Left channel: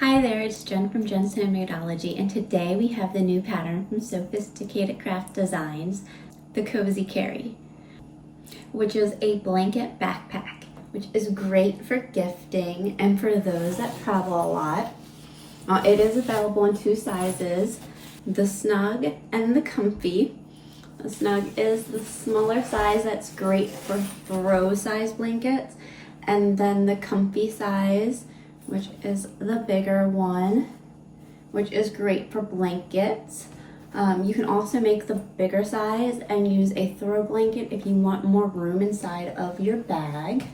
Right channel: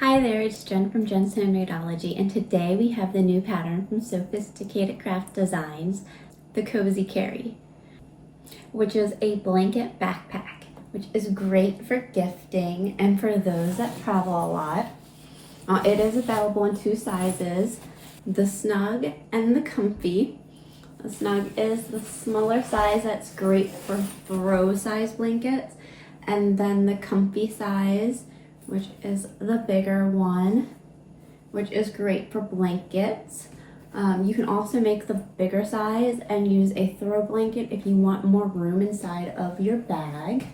Hi there, it's Jen from jennshomemadeology, and today we have the new pattern from Sewfisticated Craft Designs, the Cozy Carry, which is a blanket backpack, which is great for gifting and for those that travel a lot. It is available in two sizes, the snug and the comfy. The snug is the smaller size that's great for throw size blankets, and then the comfy size, which is the bigger one, which is great for blankets. You can also make the bigger size and use a throw blanket if you want more room inside of your bag.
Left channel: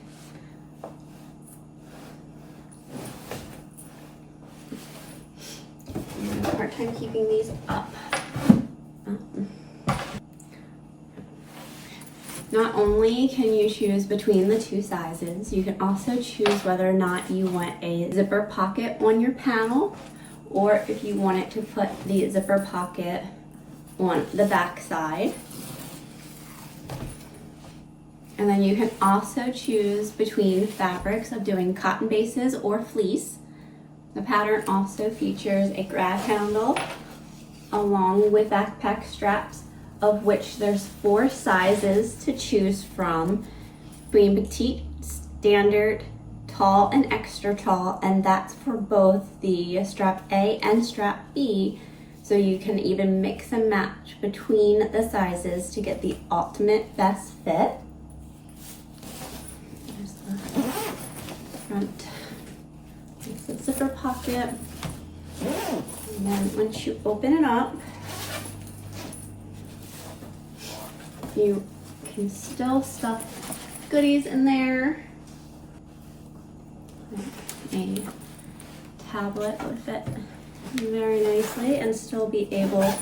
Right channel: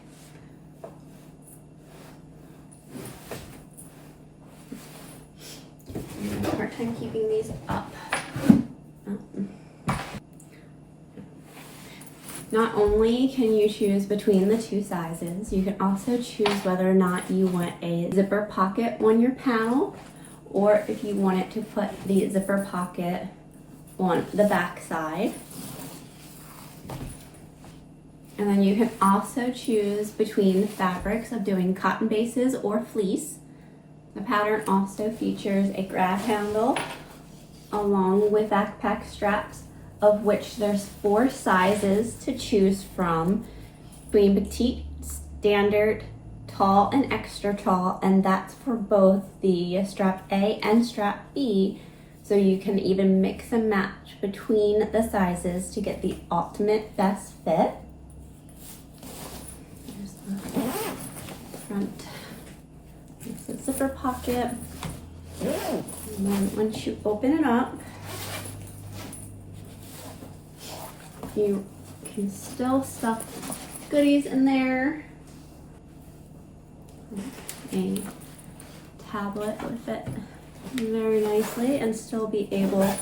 I have a hard time keeping these up. Not only can you choose between the two sizes, you can also choose whether or not you want a zipper pocket on your panel, or if you want it to put the zipper pocket on the back side. And then you can also choose between fabrics of doing cotton bases or fleece. The pattern also features a grab handle along with backpack straps, of which there's 4 sizes to choose from, between petite, standard, tall, and extra tall, and that's for both the strap A and strap B, so you can even mix and match between the sizes to get the ultimate best fit. There's the front, it's the zipper pocket, and then once you open it up, you can still stuff goodies in there. A tablet would fit very nicely and still be able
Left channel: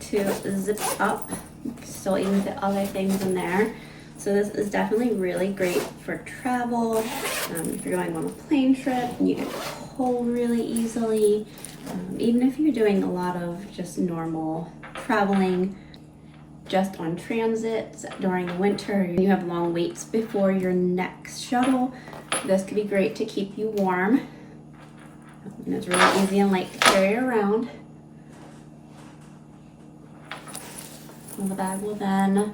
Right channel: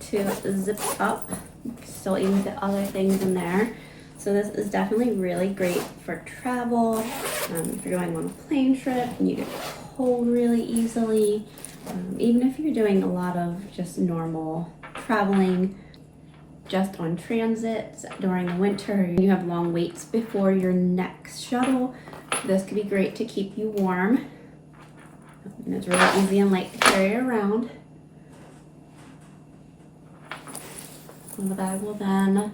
to zip up. Still even fit other things in there. So this is definitely really great for travel. If you're going on a plane trip and you get cold really easily. Even if you're doing a lot of just normal traveling, just on transits during the winter, you have long waits before your next shuttle, this could be great to keep you warm. And it's really easy and light to carry around. And the bag will then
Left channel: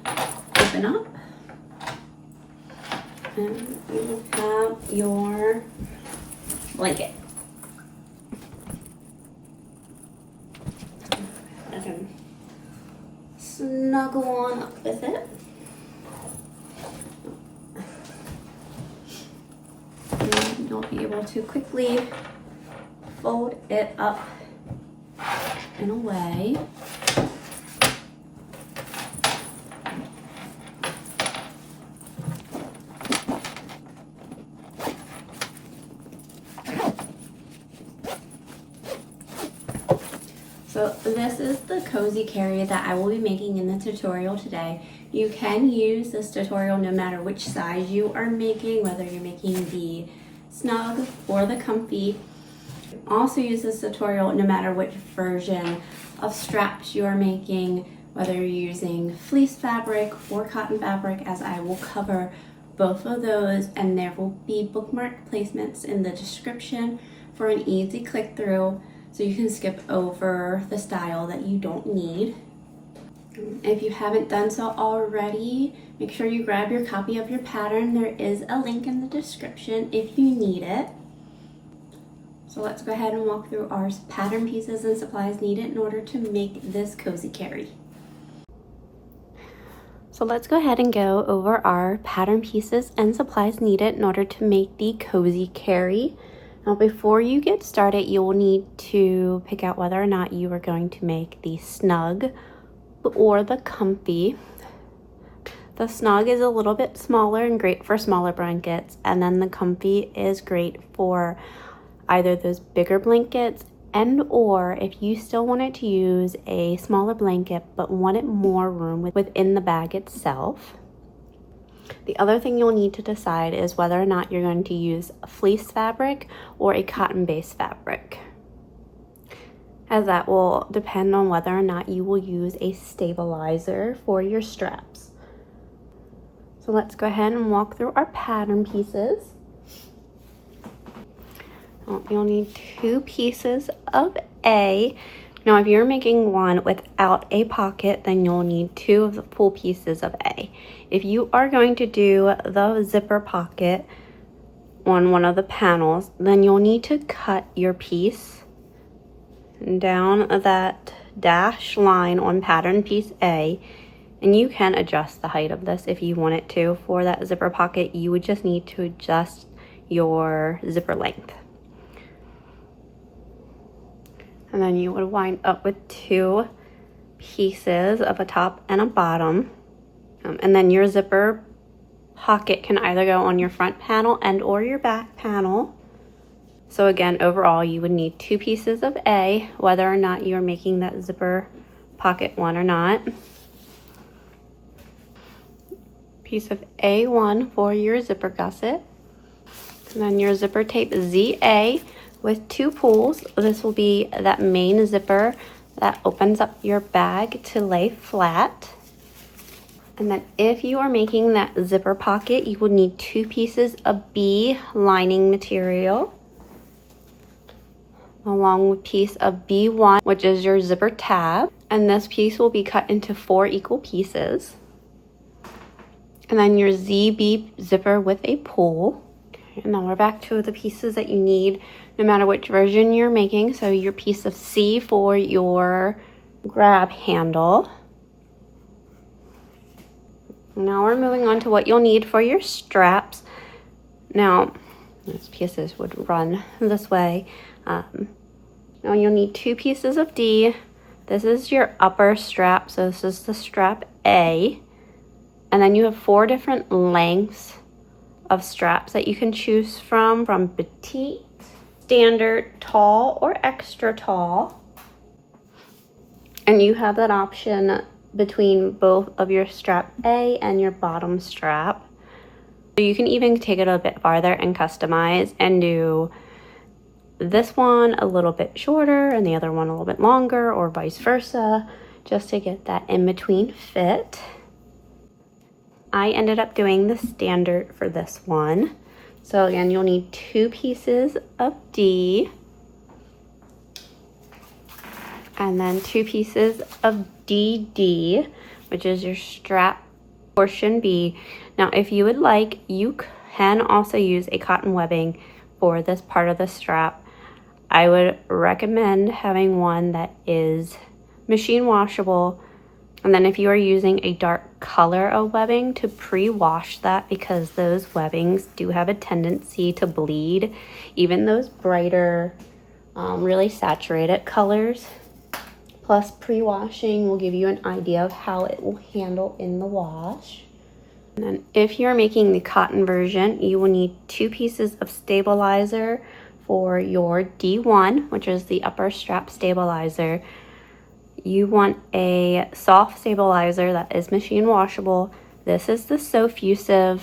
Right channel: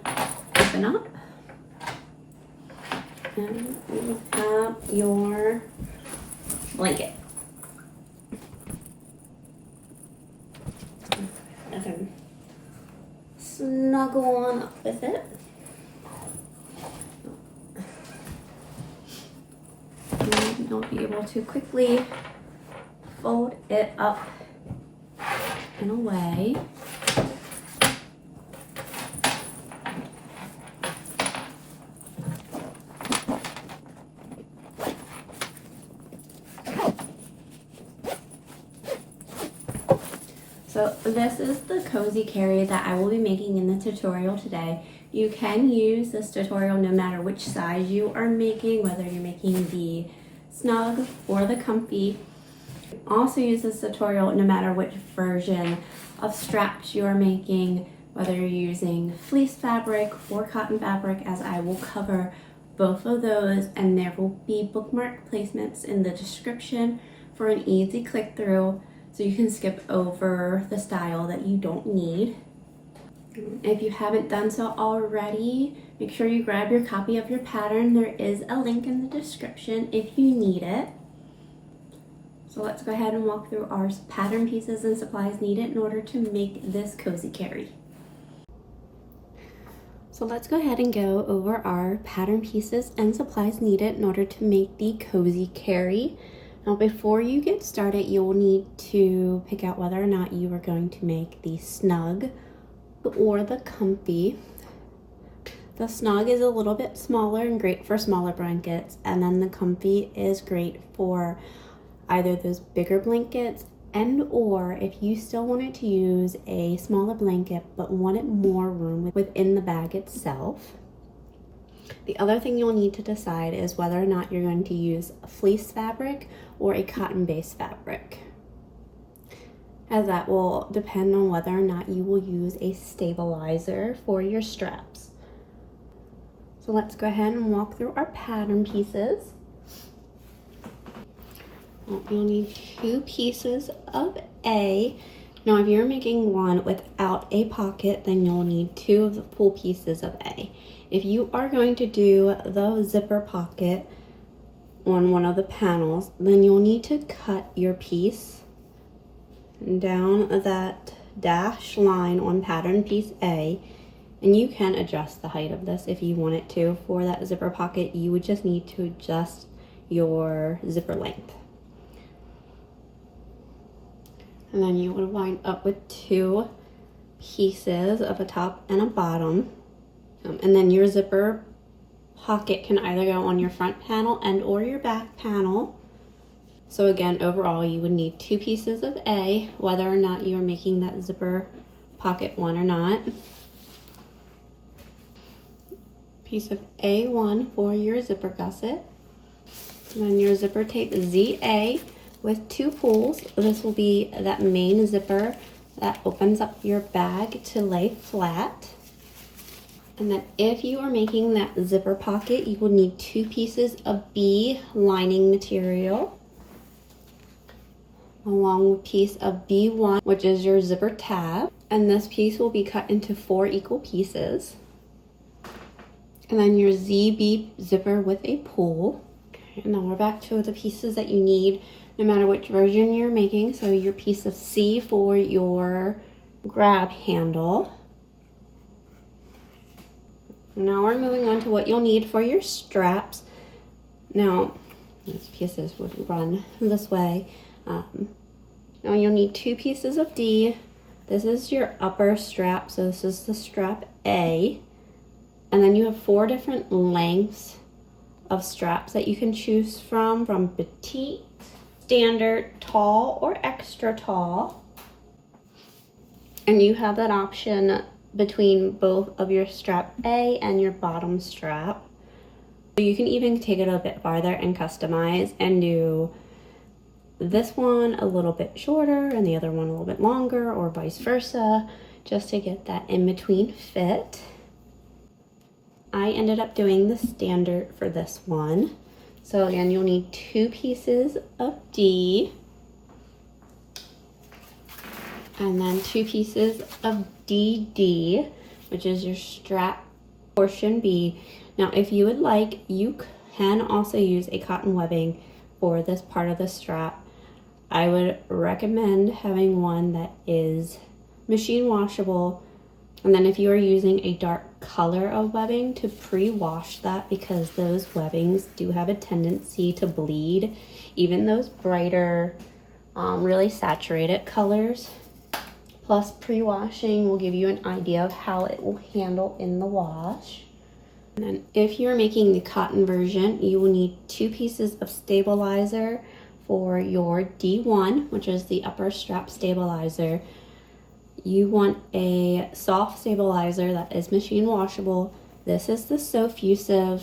open up, and you will have your blanket. Snuggle on up with it. And you'll be able to quickly fold it up in a way. So this is the cozy carry that I will be making in the tutorial today. You can use this tutorial no matter which size you are making, whether you're making the snug or the comfy. Also use this tutorial no matter which version of straps you are making, whether you're using fleece fabric or cotton fabric, as I will cover both of those, and there will be bookmark placements in the description for an easy click through, so you can skip over the style that you don't need. If you haven't done so already, make sure you grab your copy of your pattern. There is a link in the description if you need it. So let's go ahead and walk through our pattern pieces and supplies needed in order to make this cozy carry. So let's go ahead and go over our pattern pieces and supplies needed in order to make the cozy carry. Now, before you get started, you will need to pick out whether or not you are going to make the snug or the comfy. The snug is a little bit smaller and great for smaller blankets, and then the comfy is great for either those bigger blankets and or if you still wanted to use a smaller blanket but wanted more room within the bag itself. The other thing you'll need to decide is whether or not you're going to use a fleece fabric or a cotton-based fabric, as that will depend on whether or not you will use a stabilizer for your straps. So let's go ahead and walk through our pattern pieces. You'll need 2 pieces of A. Now, if you're making one without a pocket, then you'll need 2 of the full pieces of A. If you are going to do the zipper pocket on one of the panels, then you'll need to cut your piece down that dash line on pattern piece A, and you can adjust the height of this if you want it to. For that zipper pocket, you would just need to adjust your zipper length. And then you would wind up with 2 pieces of a top and a bottom. And then your zipper pocket can either go on your front panel and or your back panel. So again, overall, you would need 2 pieces of A, whether or not you're making that zipper pocket one or not. Piece of A1 for your zipper gusset. And then your zipper tape ZA with 2 pulls. This will be that main zipper that opens up your bag to lay flat. And then if you are making that zipper pocket, you will need 2 pieces of B lining material, along with piece of B1, which is your zipper tab. And this piece will be cut into 4 equal pieces. And then your ZB zipper with a pull. And then we're back to the pieces that you need, no matter which version you're making. So your piece of C for your grab handle. Now we're moving on to what you'll need for your straps. Now, these pieces would run this way. Now you'll need 2 pieces of D. This is your upper strap, so this is the strap A. And then you have 4 different lengths of straps that you can choose from petite, standard, tall, or extra tall. And you have that option between both of your strap A and your bottom strap. So you can even take it a bit farther and customize and do this one a little bit shorter and the other one a little bit longer, or vice versa, just to get that in between fit. I ended up doing the standard for this one. So again, you'll need 2 pieces of D, and then 2 pieces of DD, which is your strap portion B. Now, if you would like, you can also use a cotton webbing for this part of the strap. I would recommend having one that is machine washable. And then if you are using a dark color of webbing, to pre-wash that, because those webbings do have a tendency to bleed. Even those brighter, really saturated colors. Plus, pre-washing will give you an idea of how it will handle in the wash. And then if you're making the cotton version, you will need 2 pieces of stabilizer for your D1, which is the upper strap stabilizer. You want a soft stabilizer that is machine washable. This is the Sewfisticated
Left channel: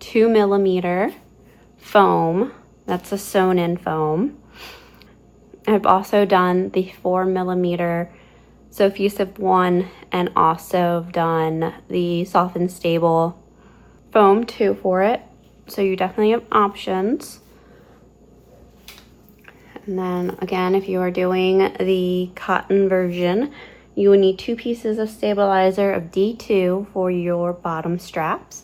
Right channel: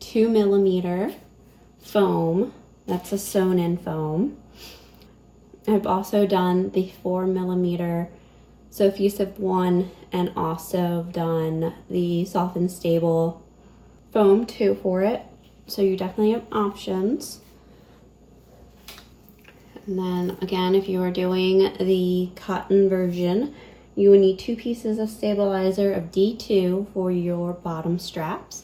2mm foam. That's a sewn in foam. I've also done the 4mm Sewfisticated one, and also done the soft and stable foam too for it. So you definitely have options. And then again, if you are doing the cotton version, you will need 2 pieces of stabilizer of D2 for your bottom straps.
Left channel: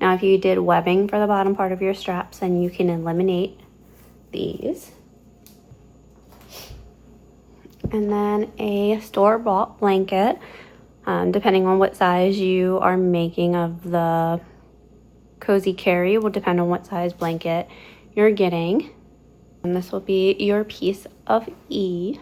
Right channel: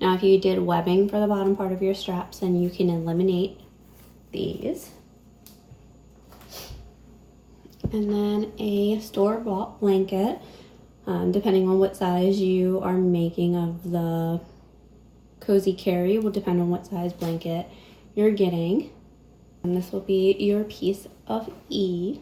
Now, if you did webbing for the bottom part of your straps, then you can eliminate these. And then a store-bought blanket, depending on what size you are making of the cozy carry, will depend on what size blanket you're getting. And this will be your piece of E.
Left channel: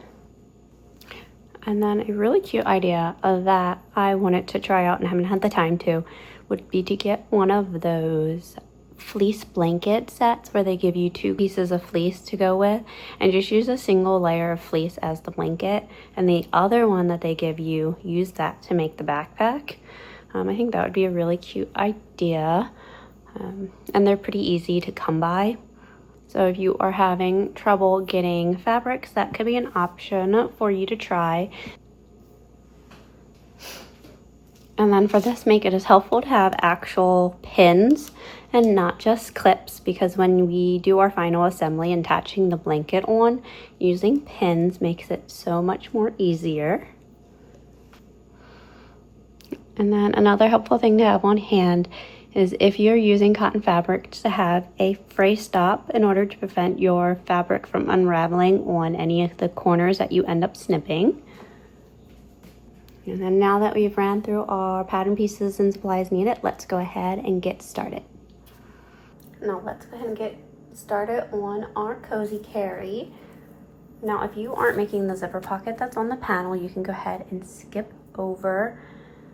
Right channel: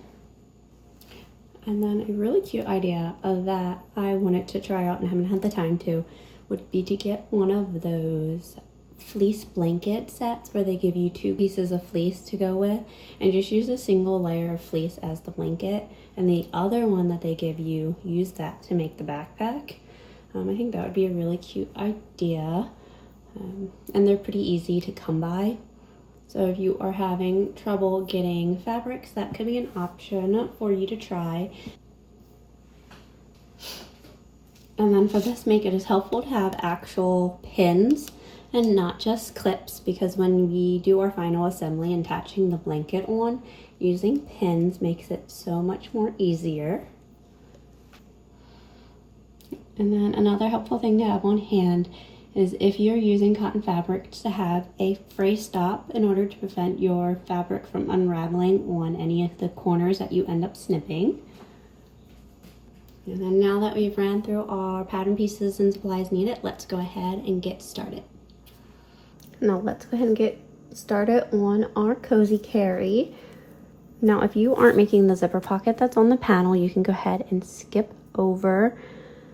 And then a really cute idea that I wanted to try out and haven't had the time to would be to get one of those fleece blanket sets where they give you 2 pieces of fleece to go with, and just use a single layer of fleece as the blanket, and the other one that they give you, use that to make the backpack. I think that would be a really cute idea, and they're pretty easy to come by. So if you are having trouble getting fabrics, that could be an option for you to try. And then for this make, it is helpful to have actual pins and not just clips, because when we do our final assembly and attaching the blanket on, using pins makes it so much more easier. And then another helpful thing to have on hand is if you're using cotton fabric, to have a fray stop in order to prevent your fabric from unraveling on any of the corners that you end up snipping. And then now that we've ran through our pattern pieces and supplies needed, let's go ahead and get started. Now let's go ahead and get started on our cozy carry. Now if you aren't making the zipper pocket that's on the panel, you can go ahead and skip over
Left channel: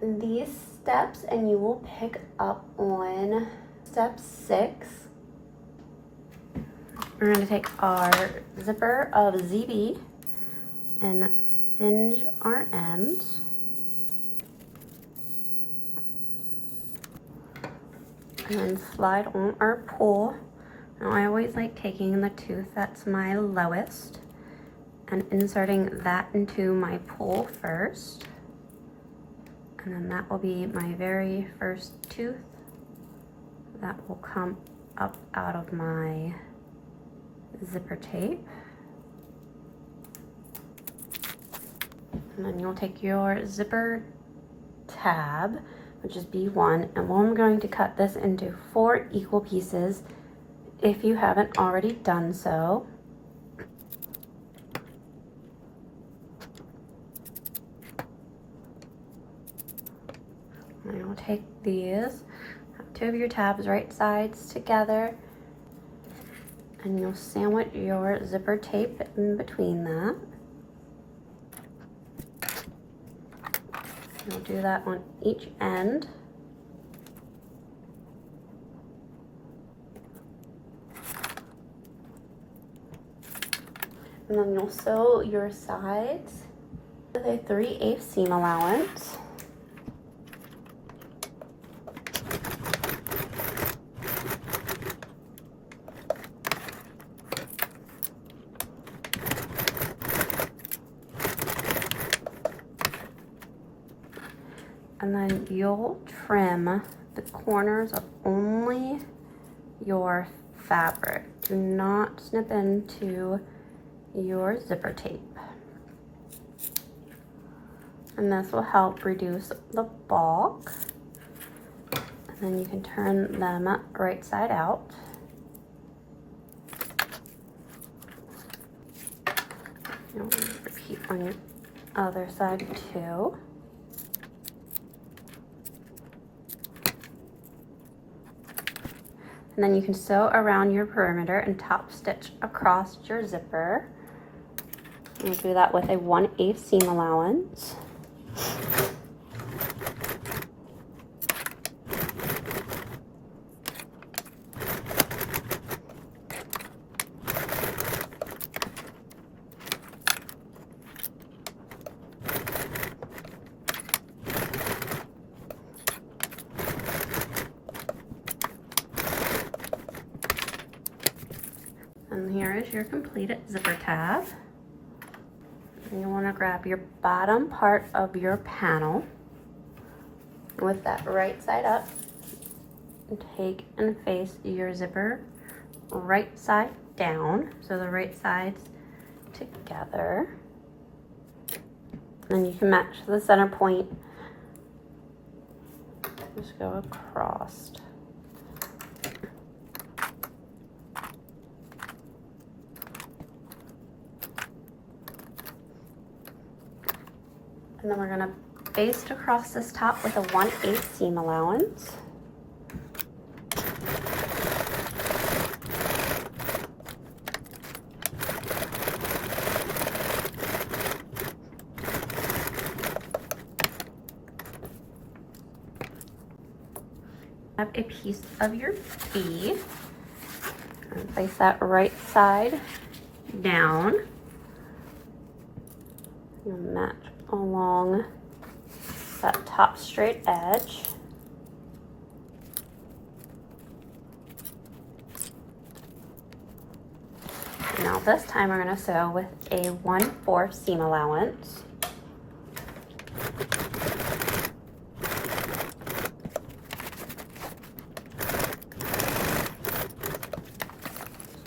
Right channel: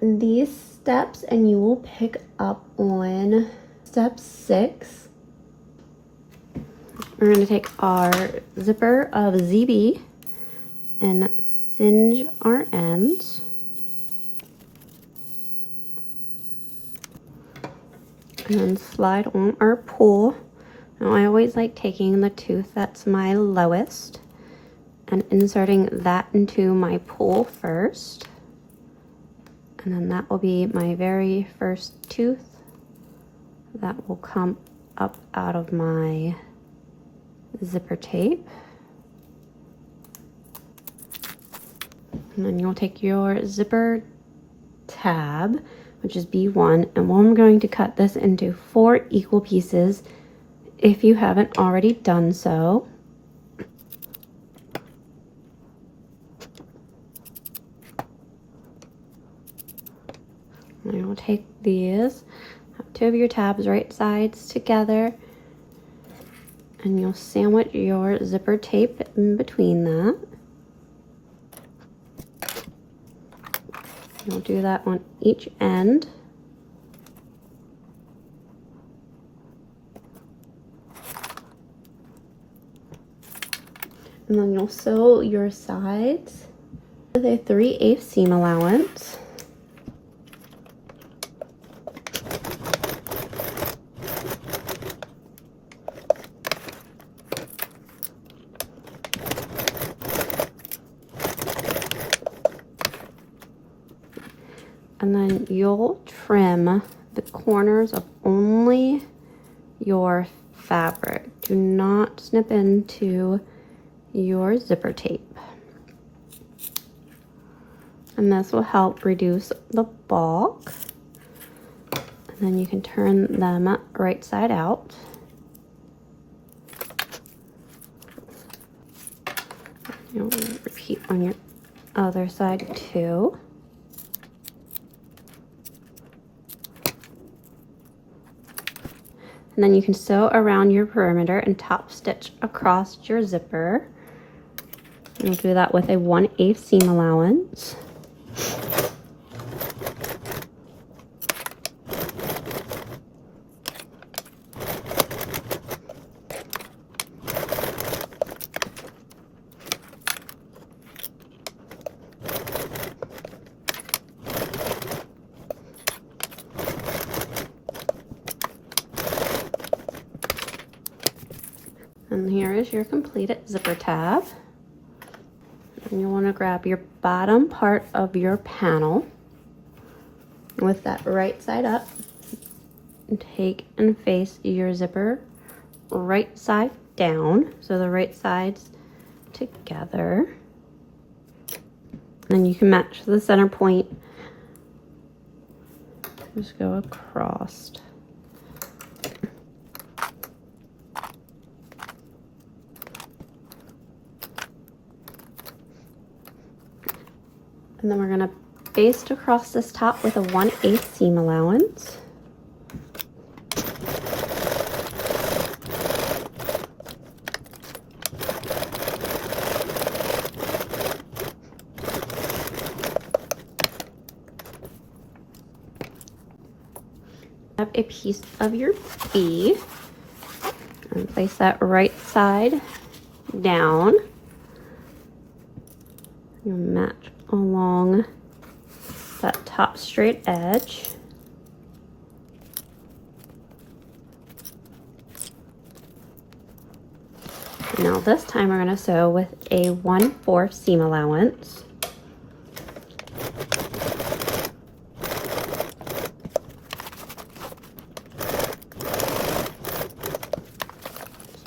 these steps and you will pick up on step 6. We're going to take our zipper of ZB and singe our ends. And then slide on our pull. Now I always like taking the tooth that's my lowest and inserting that into my pull first. And then that will be my very first tooth that will come up out of my zipper tape. And then you'll take your zipper tab, which is B1, and I'm going to cut this into 4 equal pieces if you haven't already done so. And we'll take these, have 2 of your tabs right sides together, and you'll sandwich your zipper tape in between that. We'll do that on each end. And then you'll sew your sides with a 3/8 seam allowance. And then you'll trim the corners of only your fabric. Do not snip into your zipper tape. And this will help reduce the bulk. And then you can turn them right side out. You'll repeat on your other side too. And then you can sew around your perimeter and top stitch across your zipper. You'll do that with a 1/8 seam allowance. And here is your completed zipper tab. And you want to grab your bottom part of your panel with that right side up and take and face your zipper right side down, so the right sides together. Then you can match the center point. Just go across. And then we're going to baste across this top with a 1/8 seam allowance. Have a piece of your B and place that right side down. You'll match along that top straight edge. Now this time we're going to sew with a 1/4 seam allowance.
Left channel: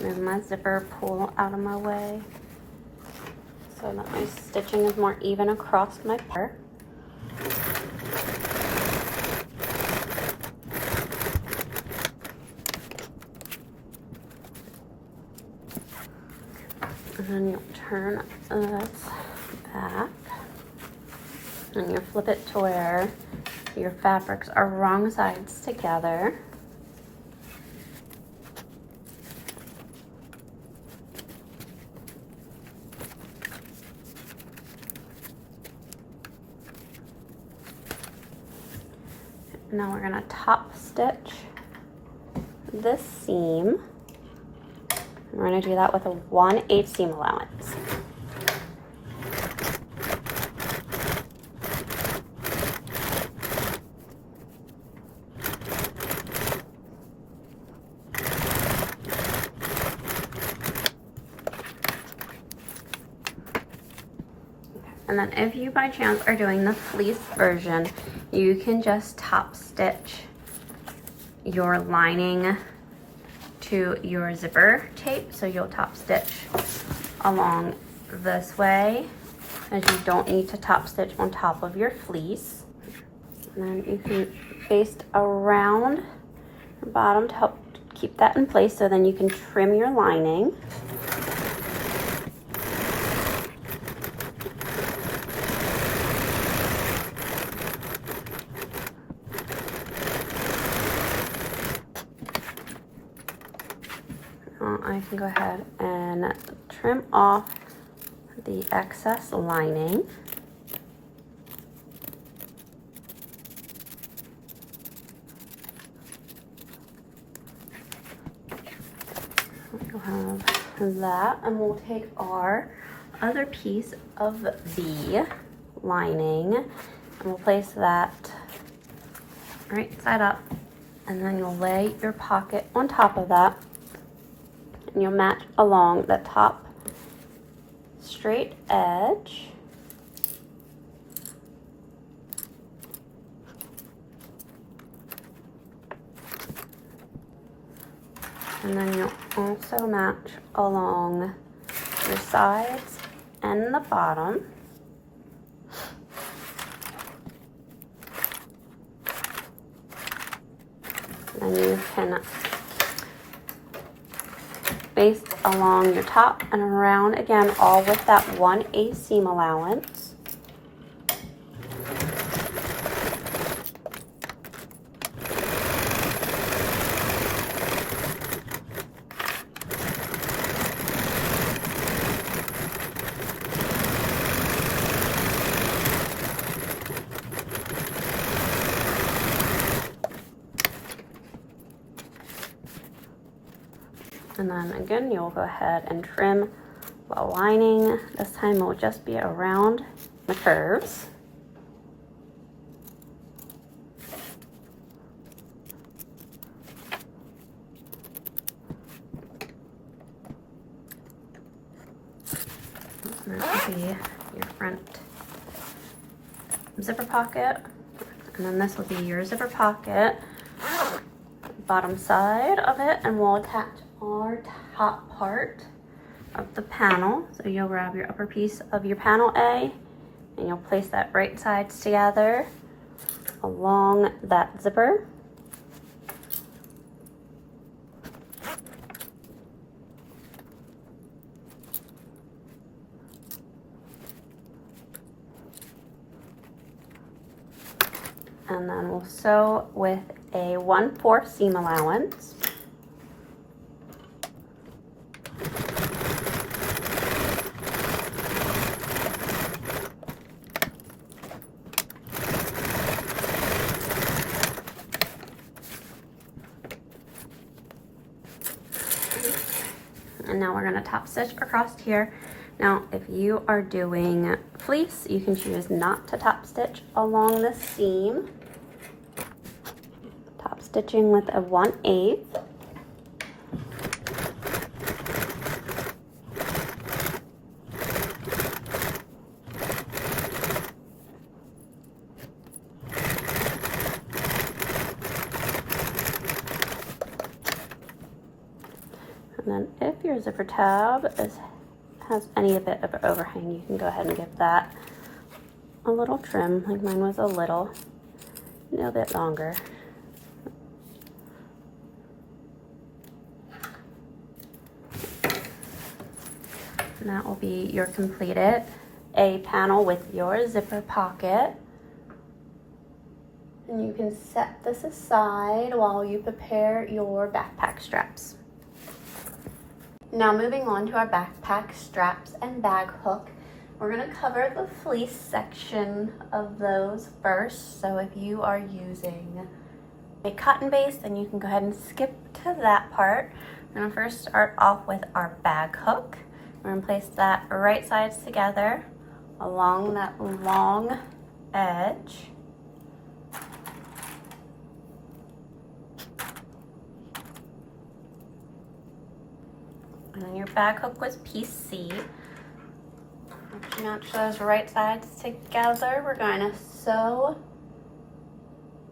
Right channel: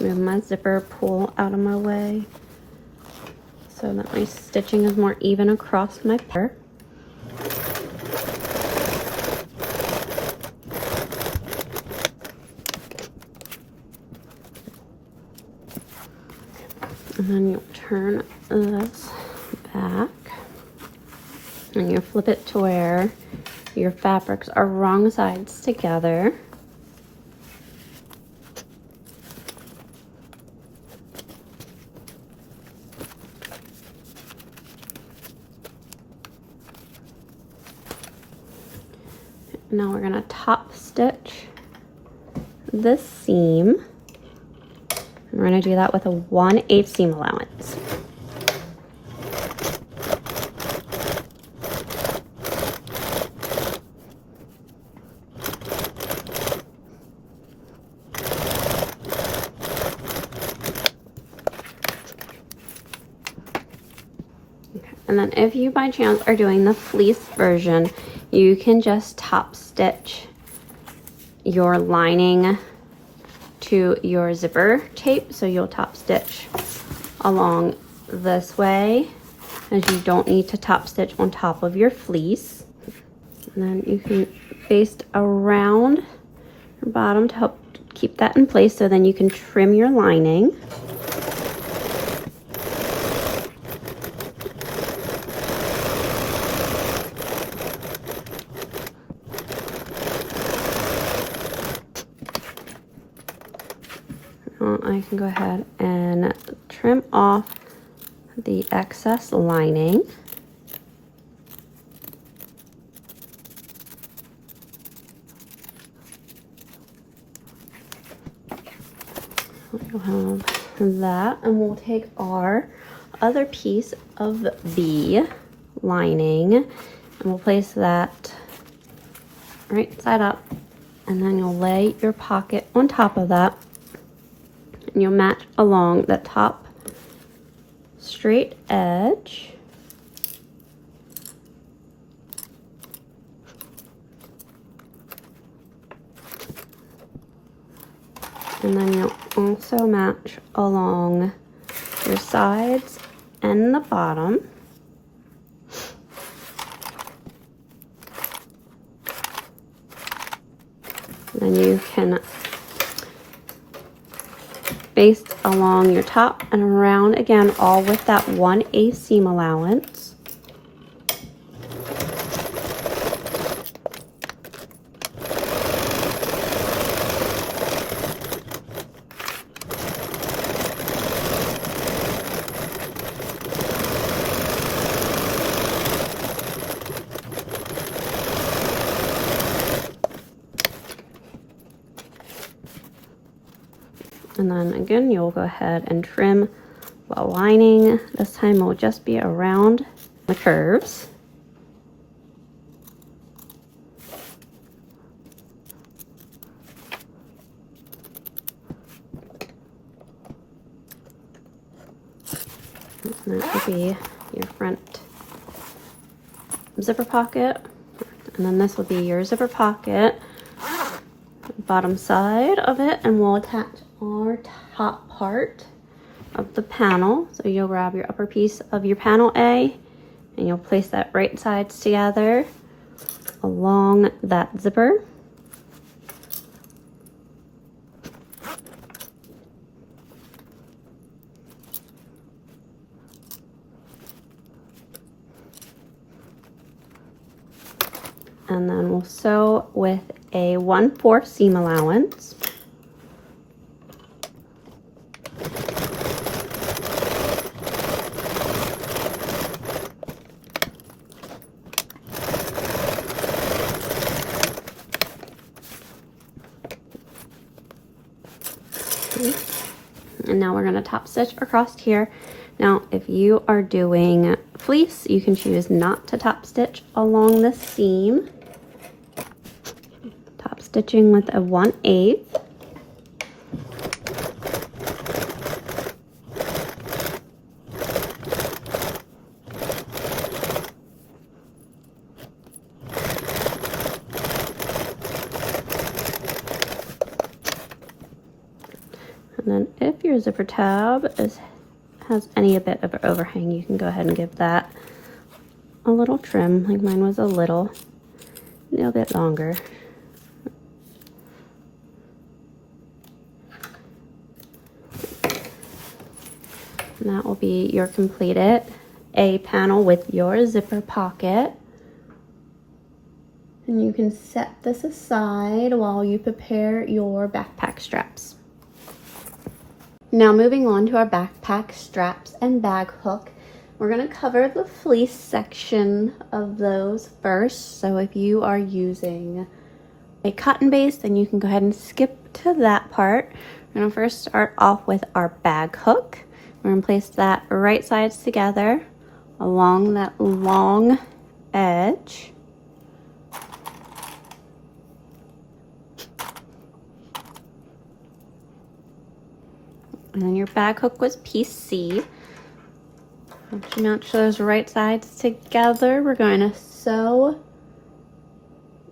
Move my zipper pull out of my way so that my stitching is more even across my part. And then turn this back, and you flip it to where your fabrics are wrong sides together. Now we're going to top stitch this seam. We're going to do that with a 1/8 seam allowance. And then if you by chance are doing the fleece version, you can just top stitch your lining to your zipper tape. So you'll top stitch along this way, as you don't need to top stitch on top of your fleece. And then you can baste around the bottom to help keep that in place, so then you can trim your lining. I can go ahead and trim off the excess lining. That, and we'll take our other piece of the lining and we'll place that right side up, and then you'll lay your pocket on top of that, and you'll match along the top straight edge. And then you'll also match along the sides and the bottom. And you can baste along your top and around again, all with that 1/8 seam allowance. And then again, you'll go ahead and trim the lining. This time will just be around the curves. And that will be your front zipper pocket. And then this will be your zipper pocket, bottom side of it, and we'll attach our top part of the panel. So you'll grab your upper piece of your panel A and you'll place that right sides together along that zipper. And then we'll sew with a 1/4 seam allowance. And now we're going to top stitch across here. Now, if you are doing fleece, you can choose not to top stitch along the seam. Top stitching with a 1/8. then if your zipper tab has any bit of overhang, you can go ahead and give that a little trim. Like mine was a little bit longer. And that will be your completed A panel with your zipper pocket. And you can set this aside while you prepare your backpack straps. Now moving on to our backpack straps and bag hook. We're going to cover the fleece section of those first. So if you are using a cotton base, then you can go ahead and skip to that part. We're going to first start off with our bag hook. We're going to place that right sides together along that long edge. And then your bag hook was piece C. Match those right sides together. We're going to sew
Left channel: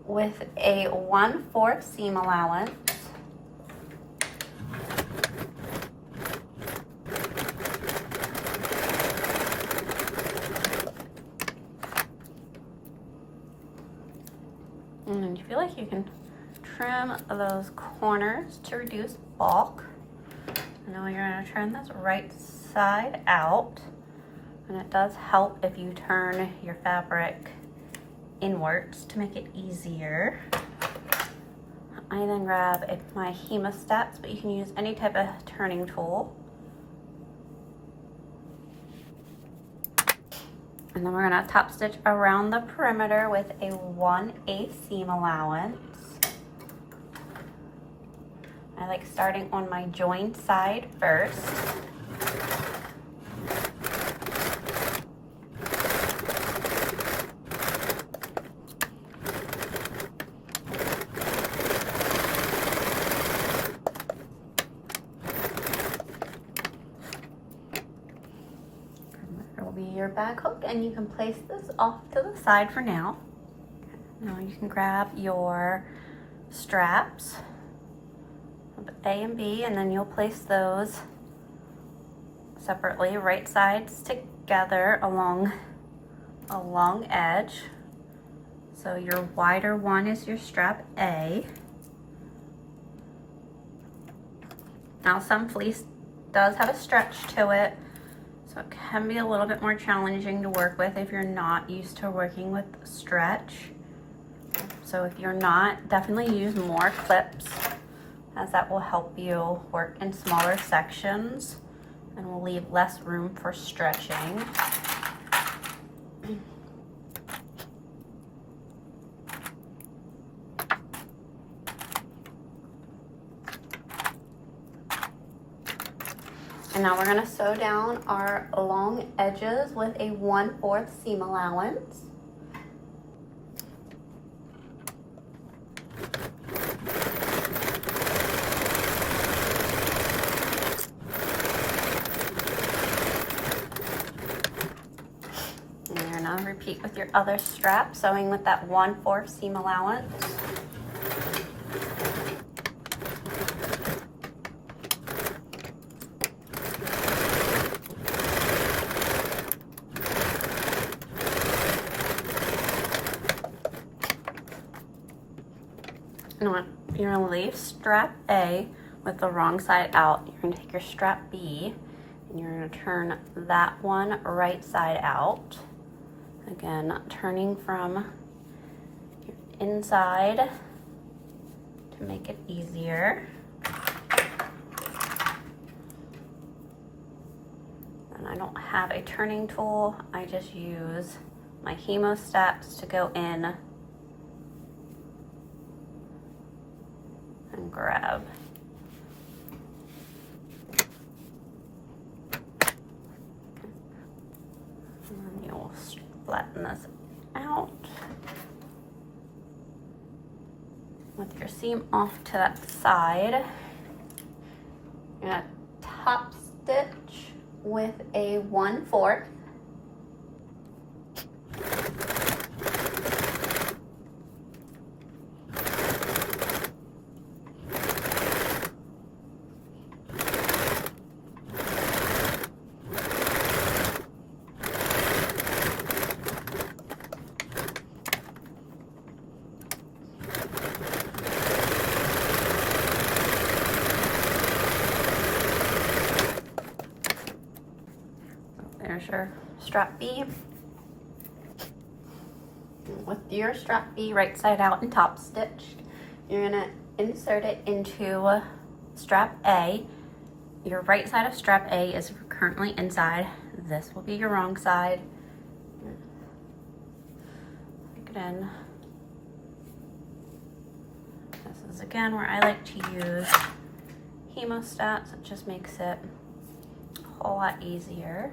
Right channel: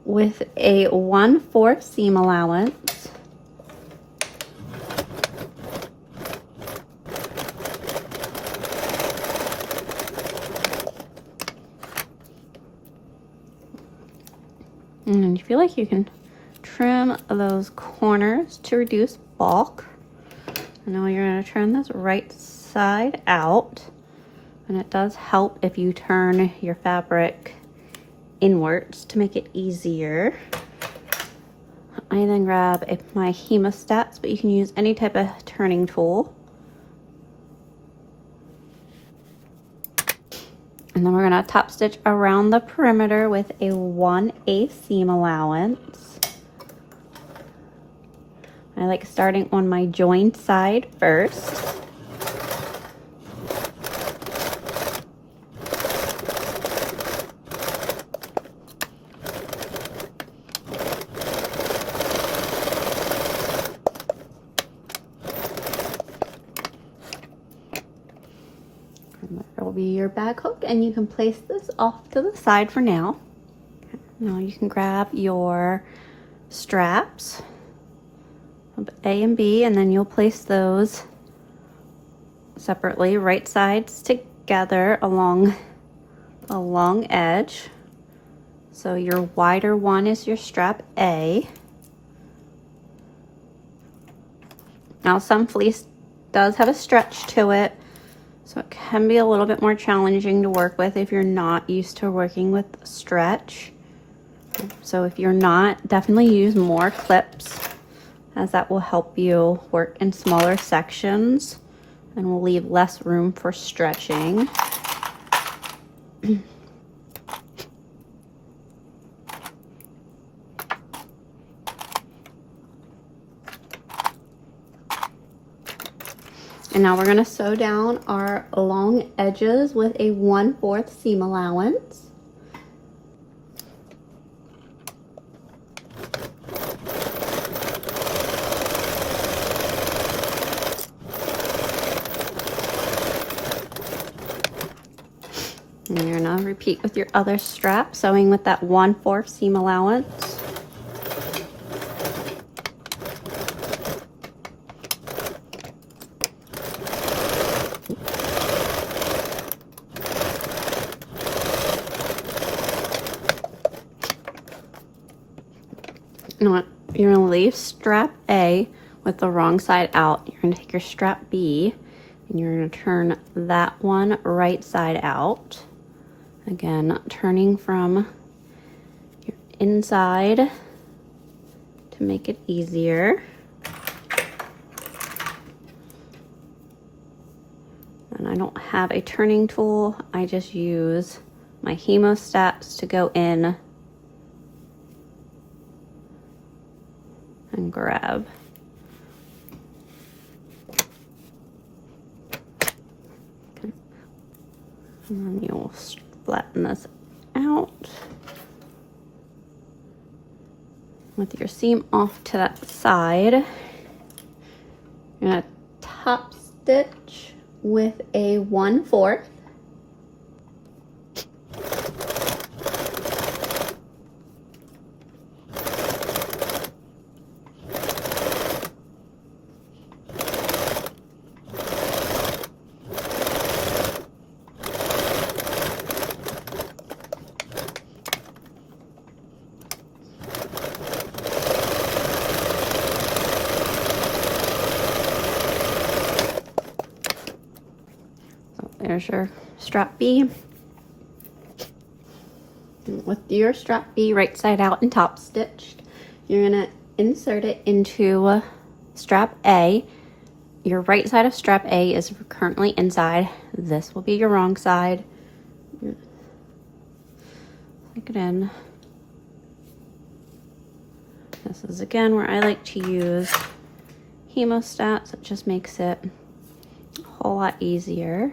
with a 1/4 seam allowance. And you feel like you can trim those corners to reduce bulk. Now you're going to turn this right side out, and it does help if you turn your fabric inwards to make it easier. I then grab my hemostats, but you can use any type of turning tool. And then we're going to top stitch around the perimeter with a 1/8 seam allowance. I like starting on my joined side first. There will be your bag hook, and you can place this off to the side for now. Now you can grab your straps, A and B, and then you'll place those separately, right sides together along a long edge. So your wider one is your strap A. Now some fleece does have a stretch to it, so it can be a little bit more challenging to work with if you're not used to working with stretch. So if you're not, definitely use more clips, as that will help you work in smaller sections and will leave less room for stretching. And now we're going to sew down our long edges with a 1/4 seam allowance. And you're going to repeat with your other strap, sewing with that 1/4 seam allowance. You're going to leave strap A with the wrong side out. You're going to take your strap B and you're going to turn that one right side out. Again, turning from your inside to make it easier. And I don't have a turning tool. I just use my hemostats to go in and grab. And then you'll flatten this out with your seam off to that side. You're gonna top stitch with a 1/4. There's your strap B. And with your strap B right side out and top stitched, you're gonna insert it into strap A. Your right side of strap A is currently inside. This will be your wrong side. Stick it in. This is again where I like to use hemostats. It just makes it a whole lot easier.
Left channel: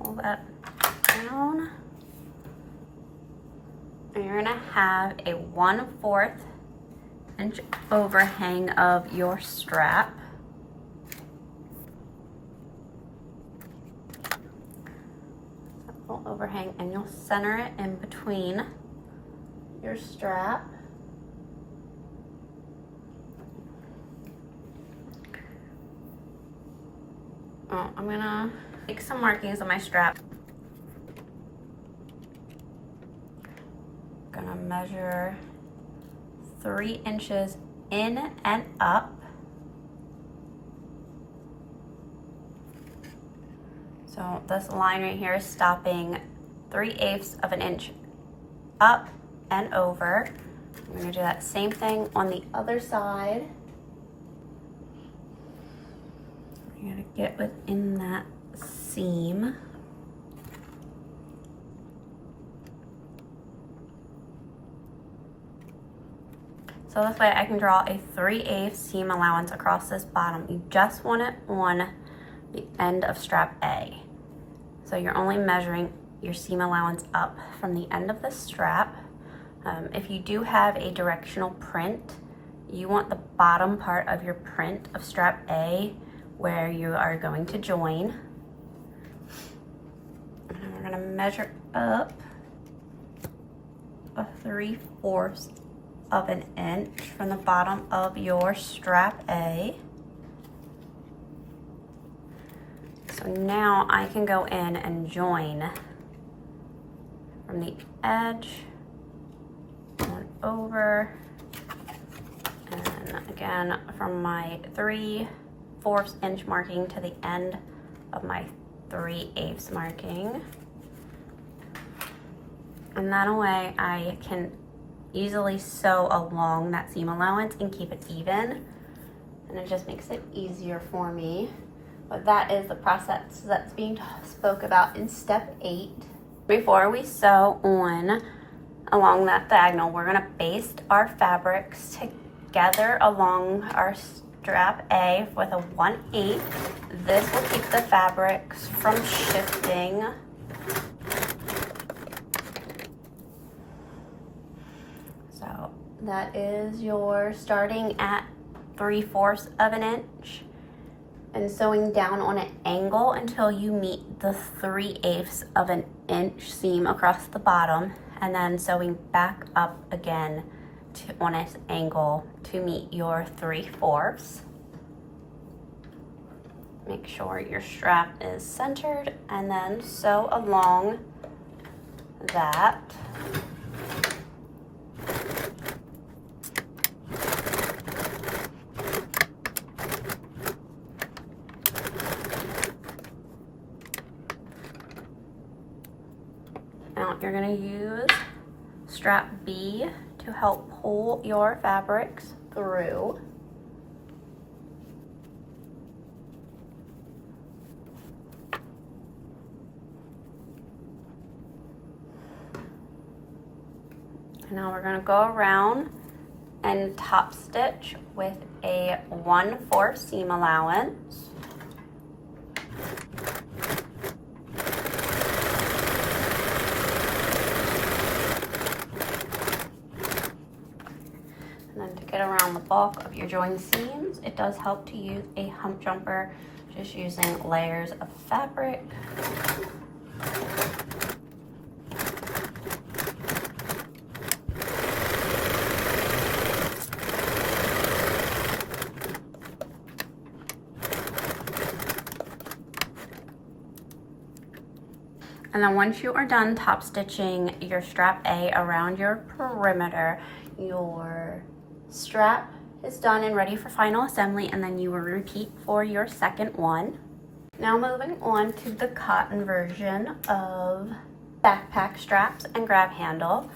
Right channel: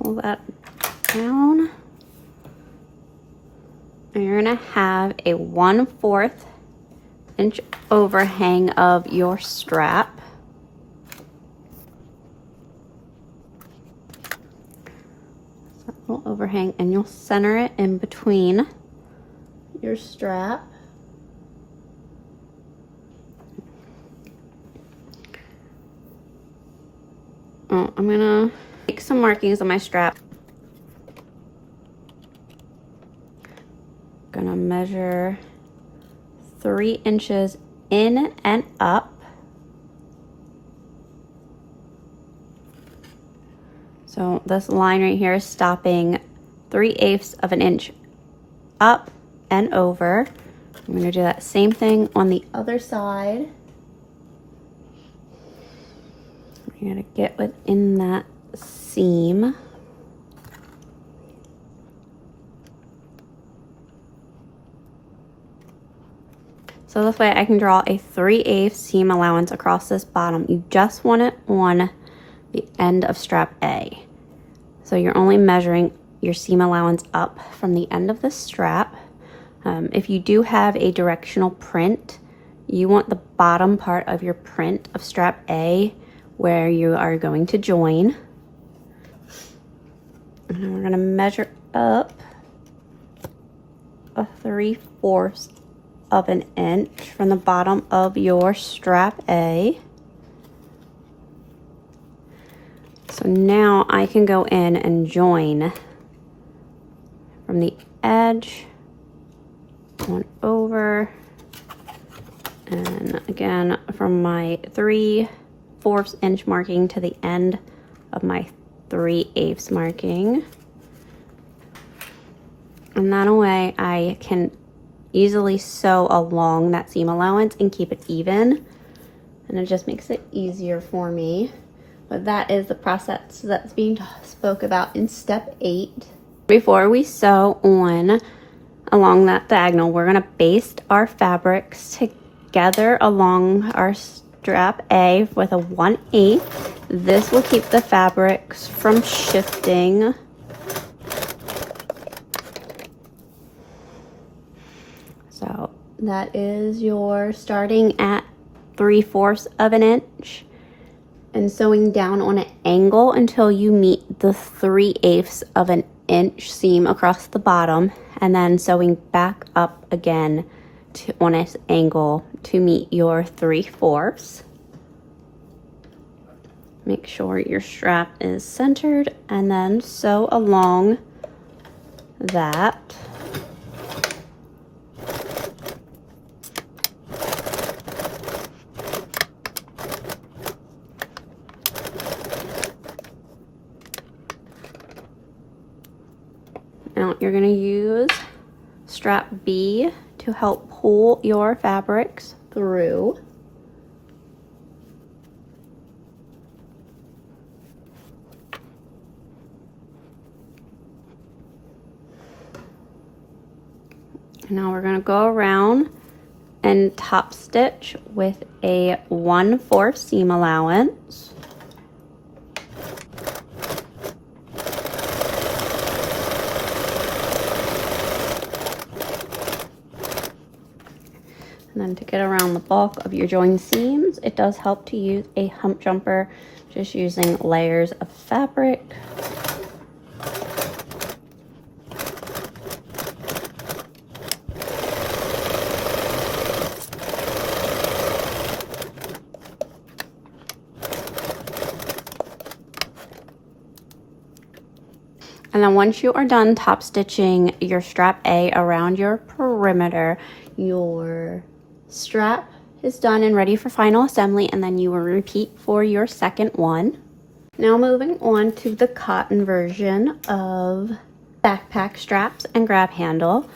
Pull that down. And you're gonna have a 1/4 inch overhang of your strap. Little overhang, and you'll center it in between your strap. I'm gonna make some markings on my strap. Gonna measure 3 inches in and up. So this line right here is stopping 3/8 of an inch up and over. I'm gonna do that same thing on the other side. You're gonna get within that seam. So this way I can draw a 3/8 seam allowance across this bottom. You just want it on the end of strap A. So you're only measuring your seam allowance up from the end of the strap. If you do have a directional print, you want the bottom part of your print of strap A where you are going to join. And then we're gonna measure up a 3/4 of an inch from the bottom of your strap A. So now I can go in and join from the edge on over, and again from my 3/4 inch marking to the end of my 3/8 marking. And that way I can easily sew along that seam allowance and keep it even, and it just makes it easier for me. But that is the process that's being spoke about in step 8. Before we sew on along that diagonal, we're gonna baste our fabrics together along our strap A with a 1/8. This will keep the fabrics from shifting. So that is your starting at 3/4 of an inch and sewing down on an angle until you meet the 3/8 of an inch seam across the bottom, and then sewing back up again on an angle to meet your 3/4. Make sure your strap is centered and then sew along that. Now you're going to use strap B to help pull your fabrics through. And now we're going to go around and top stitch with a 1/4 seam allowance. And then to get around the bulk of your joined seams, it does help to use a hump jumper, just using layers of fabric. And then once you are done top stitching your strap A around your perimeter, your strap is done and ready for final assembly, and then you will repeat for your second one. Now moving on to the cotton version of backpack straps and grab handle.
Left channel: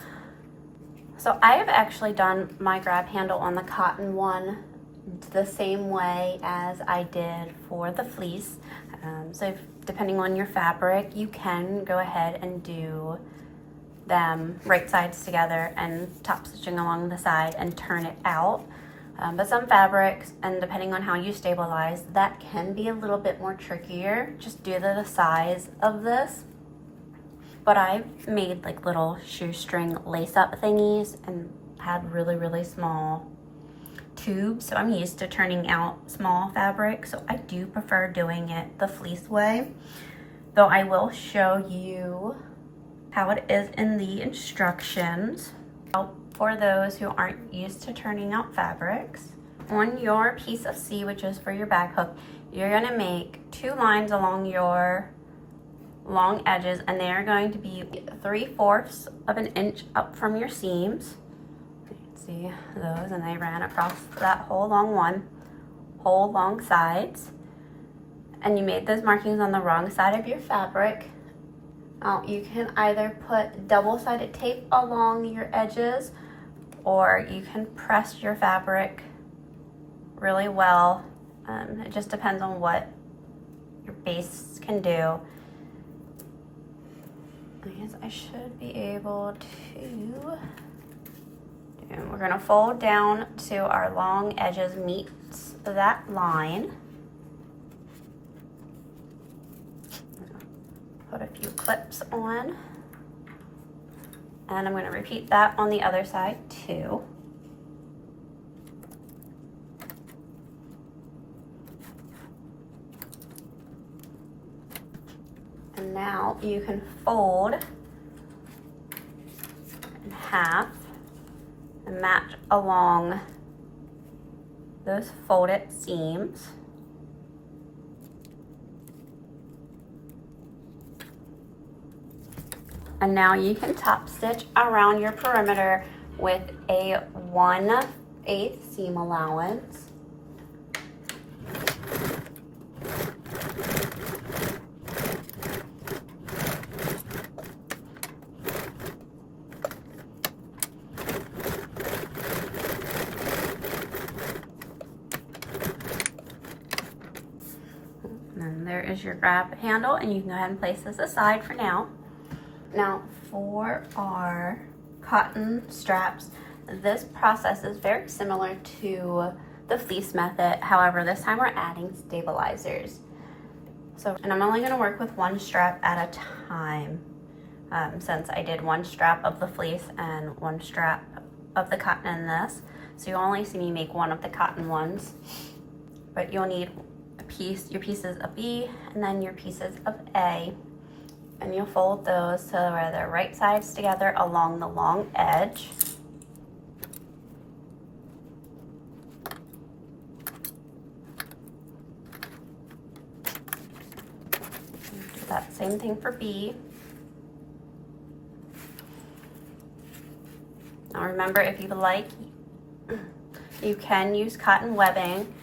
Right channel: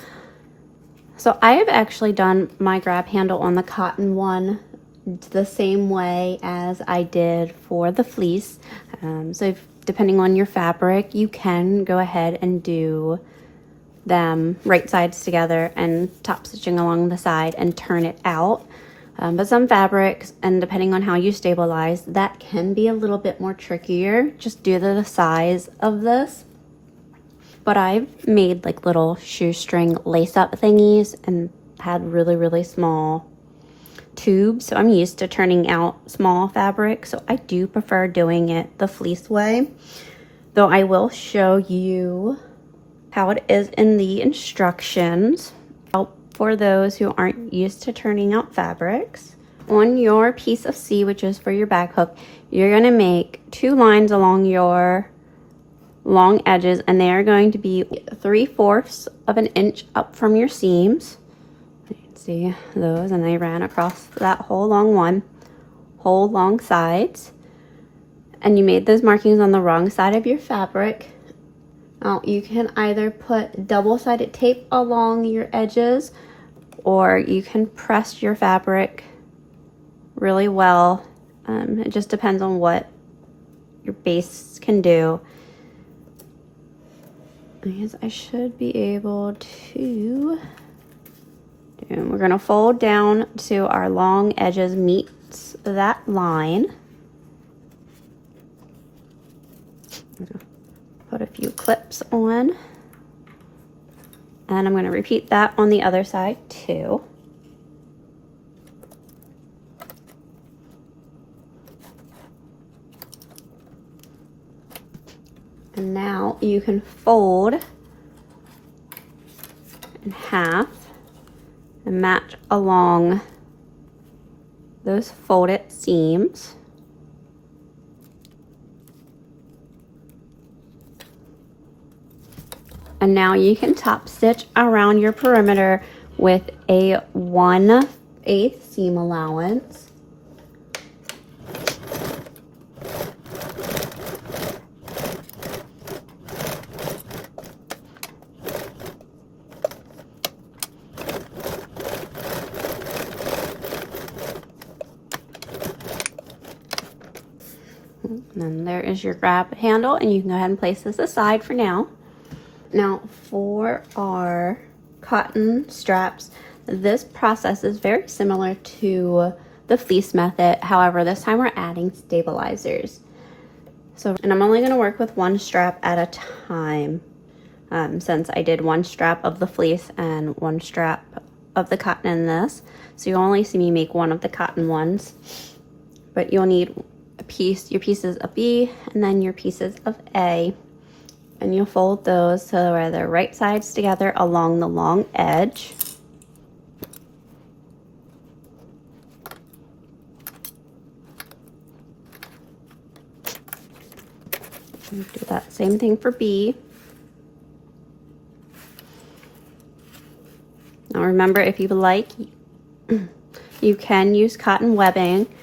So I have actually done my grab handle on the cotton one the same way as I did for the fleece. Depending on your fabric, you can go ahead and do them right sides together and top stitching along the side and turn it out. But some fabrics, and depending on how you stabilize, that can be a little bit more trickier just due to the size of this. But I've made like little shoestring lace up thingies and had really small tubes, so I'm used to turning out small fabric, so I do prefer doing it the fleece way, though I will show you how it is in the instructions for those who aren't used to turning out fabrics. On your piece of C, which is for your back hook, you're going to make 2 lines along your long edges, and they are going to be 3/4 of an inch up from your seams. See those, and they ran across that whole long sides, and you made those markings on the wrong side of your fabric. Now you can either put double-sided tape along your edges, or you can press your fabric really well. It just depends on what your base can do. I guess I should be able to. And we're going to fold down to our long edges meets that line. Put a few clips on. And I'm going to repeat that on the other side too. And now you can fold in half and match along those folded seams. And now you can top stitch around your perimeter with a 1/8 seam allowance. And there is your grab handle, and you can go ahead and place this aside for now. Now for our cotton straps, this process is very similar to the fleece method. However, this time we're adding stabilizers. And I'm only going to work with 1 strap at a time, since I did 1 strap of the fleece and 1 strap of the cotton in this. So you'll only see me make 1 of the cotton ones, but you'll need your pieces of B and then your pieces of A, and you'll fold those so where they're right sides together along the long edge. And do that same thing for B. Now remember, if you like, you can use cotton webbing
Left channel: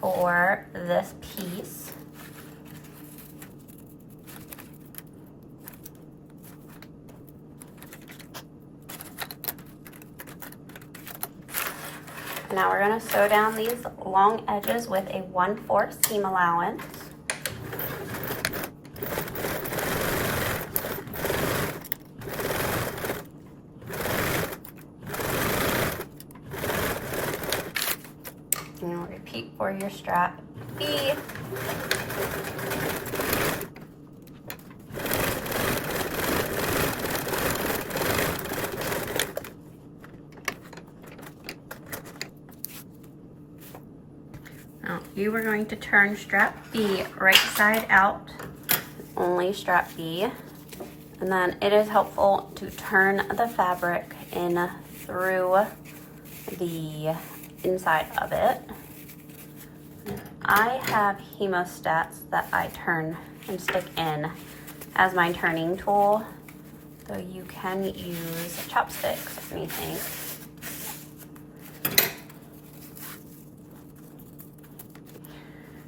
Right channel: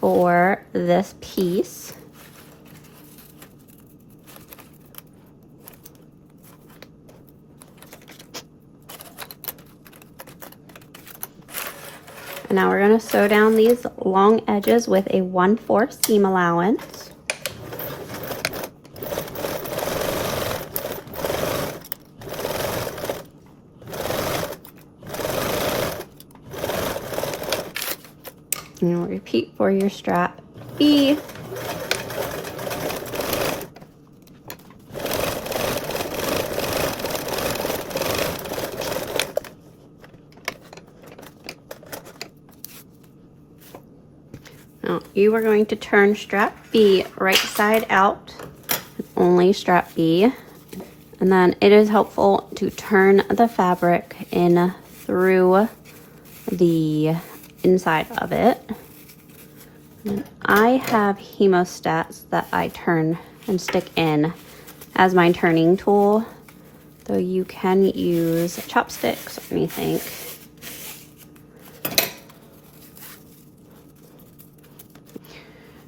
for this piece. And now we're going to sew down these long edges with a 1/4 seam allowance. And we'll repeat for your strap B. Now you are going to turn strap B right side out, only strap B. And then it is helpful to turn the fabric in through the inside of it. I have hemostats that I turn and stick in as my turning tool, though you can use chopsticks or anything.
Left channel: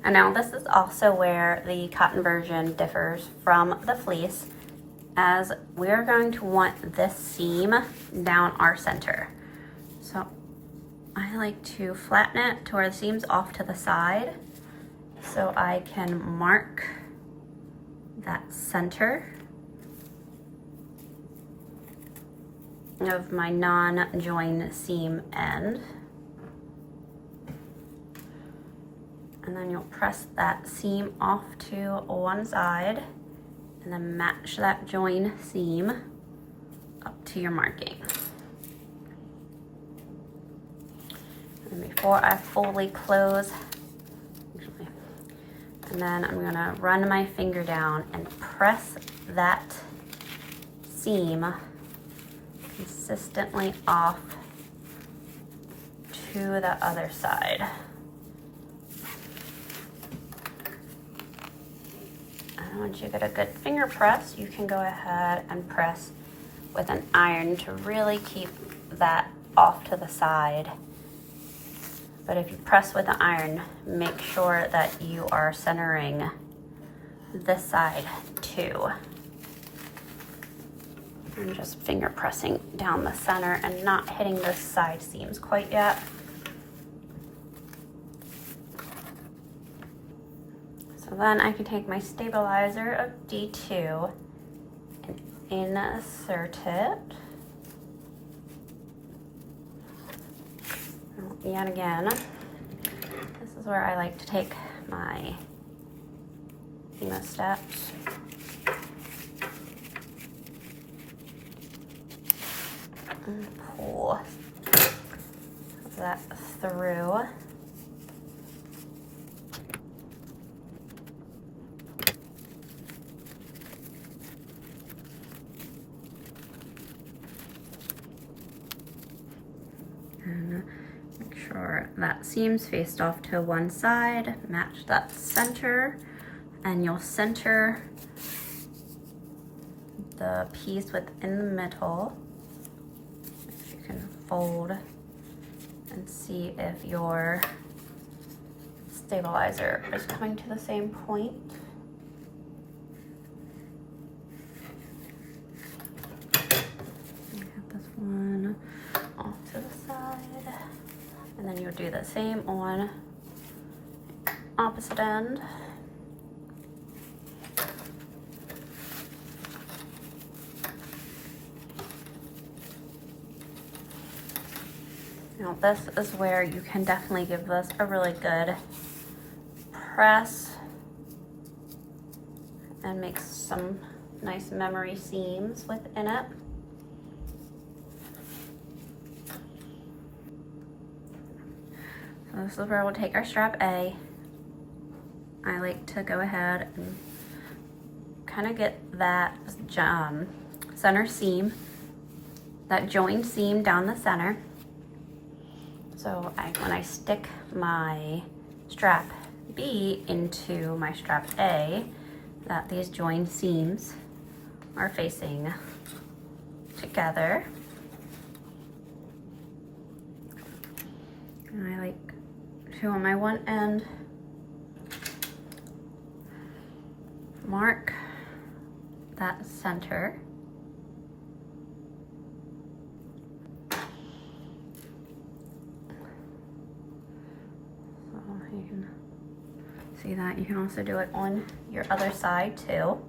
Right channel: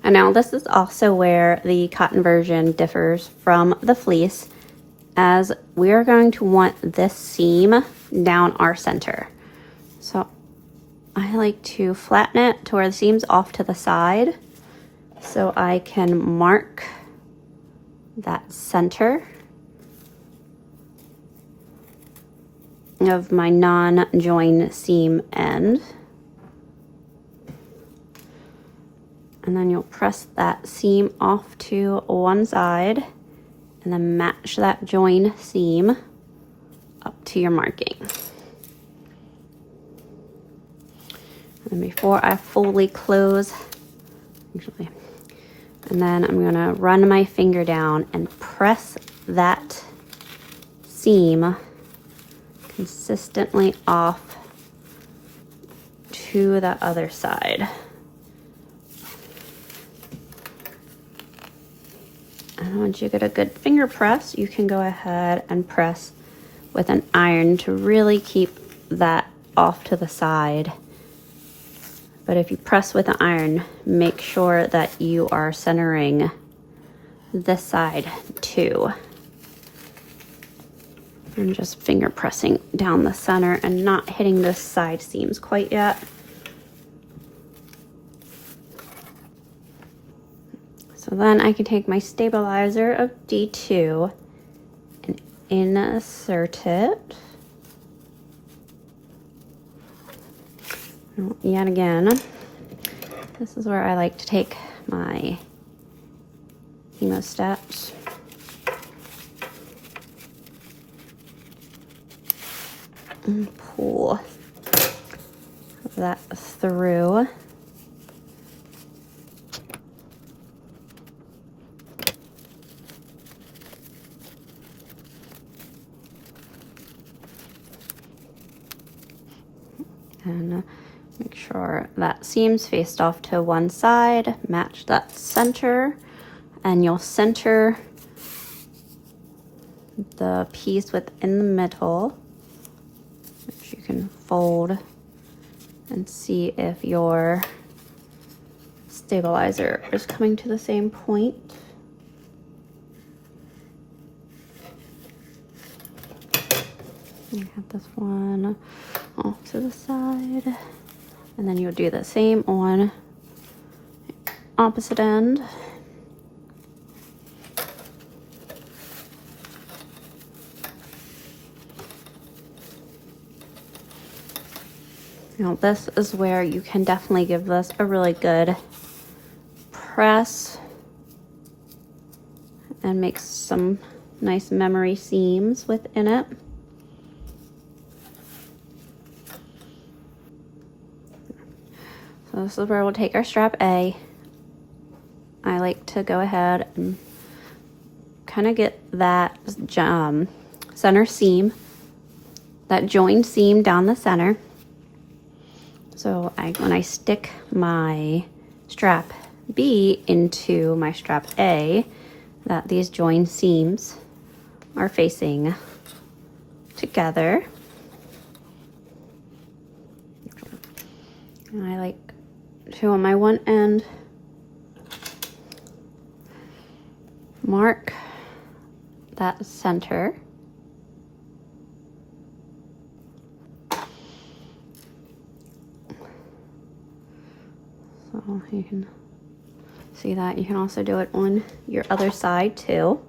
And now this is also where the cotton version differs from the fleece, as we are going to want this seam down our center. So I like to flatten it to where the seam's off to the side so I can mark that center of my non-join seam end. And then you'll press that seam off to one side and then match that join seam up to your marking. And before I fully close, and then I'm gonna run my finger down and press that seam consistently off to the other side. And once you get a good finger press, you can go ahead and press with an iron to really keep that off to the side. But if you press with an iron, make sure that you are centering this side too. I'm just finger pressing down the center and not hitting the side seams quite yet. So then I can take my stabilizer of D2 and insert it. Yet again, this is where I like to take my steps. And pull that through. And make sure that seam's faced off to one side, match that center, and you'll center the piece within the middle. You can fold and see if your stabilizer is coming to the same point. You have this one off to the side, and then you'll do the same on the opposite end. Now this is where you can definitely give this a really good press and make some nice memory seams within it. So this is where we'll take our strap A. I like to go ahead and kind of get that center seam, that joined seam down the center. So when I stick my strap B into my strap A, that these joined seams are facing together. And I like to, on my one end, mark that center. So you can see that. You can also do it on your other side too.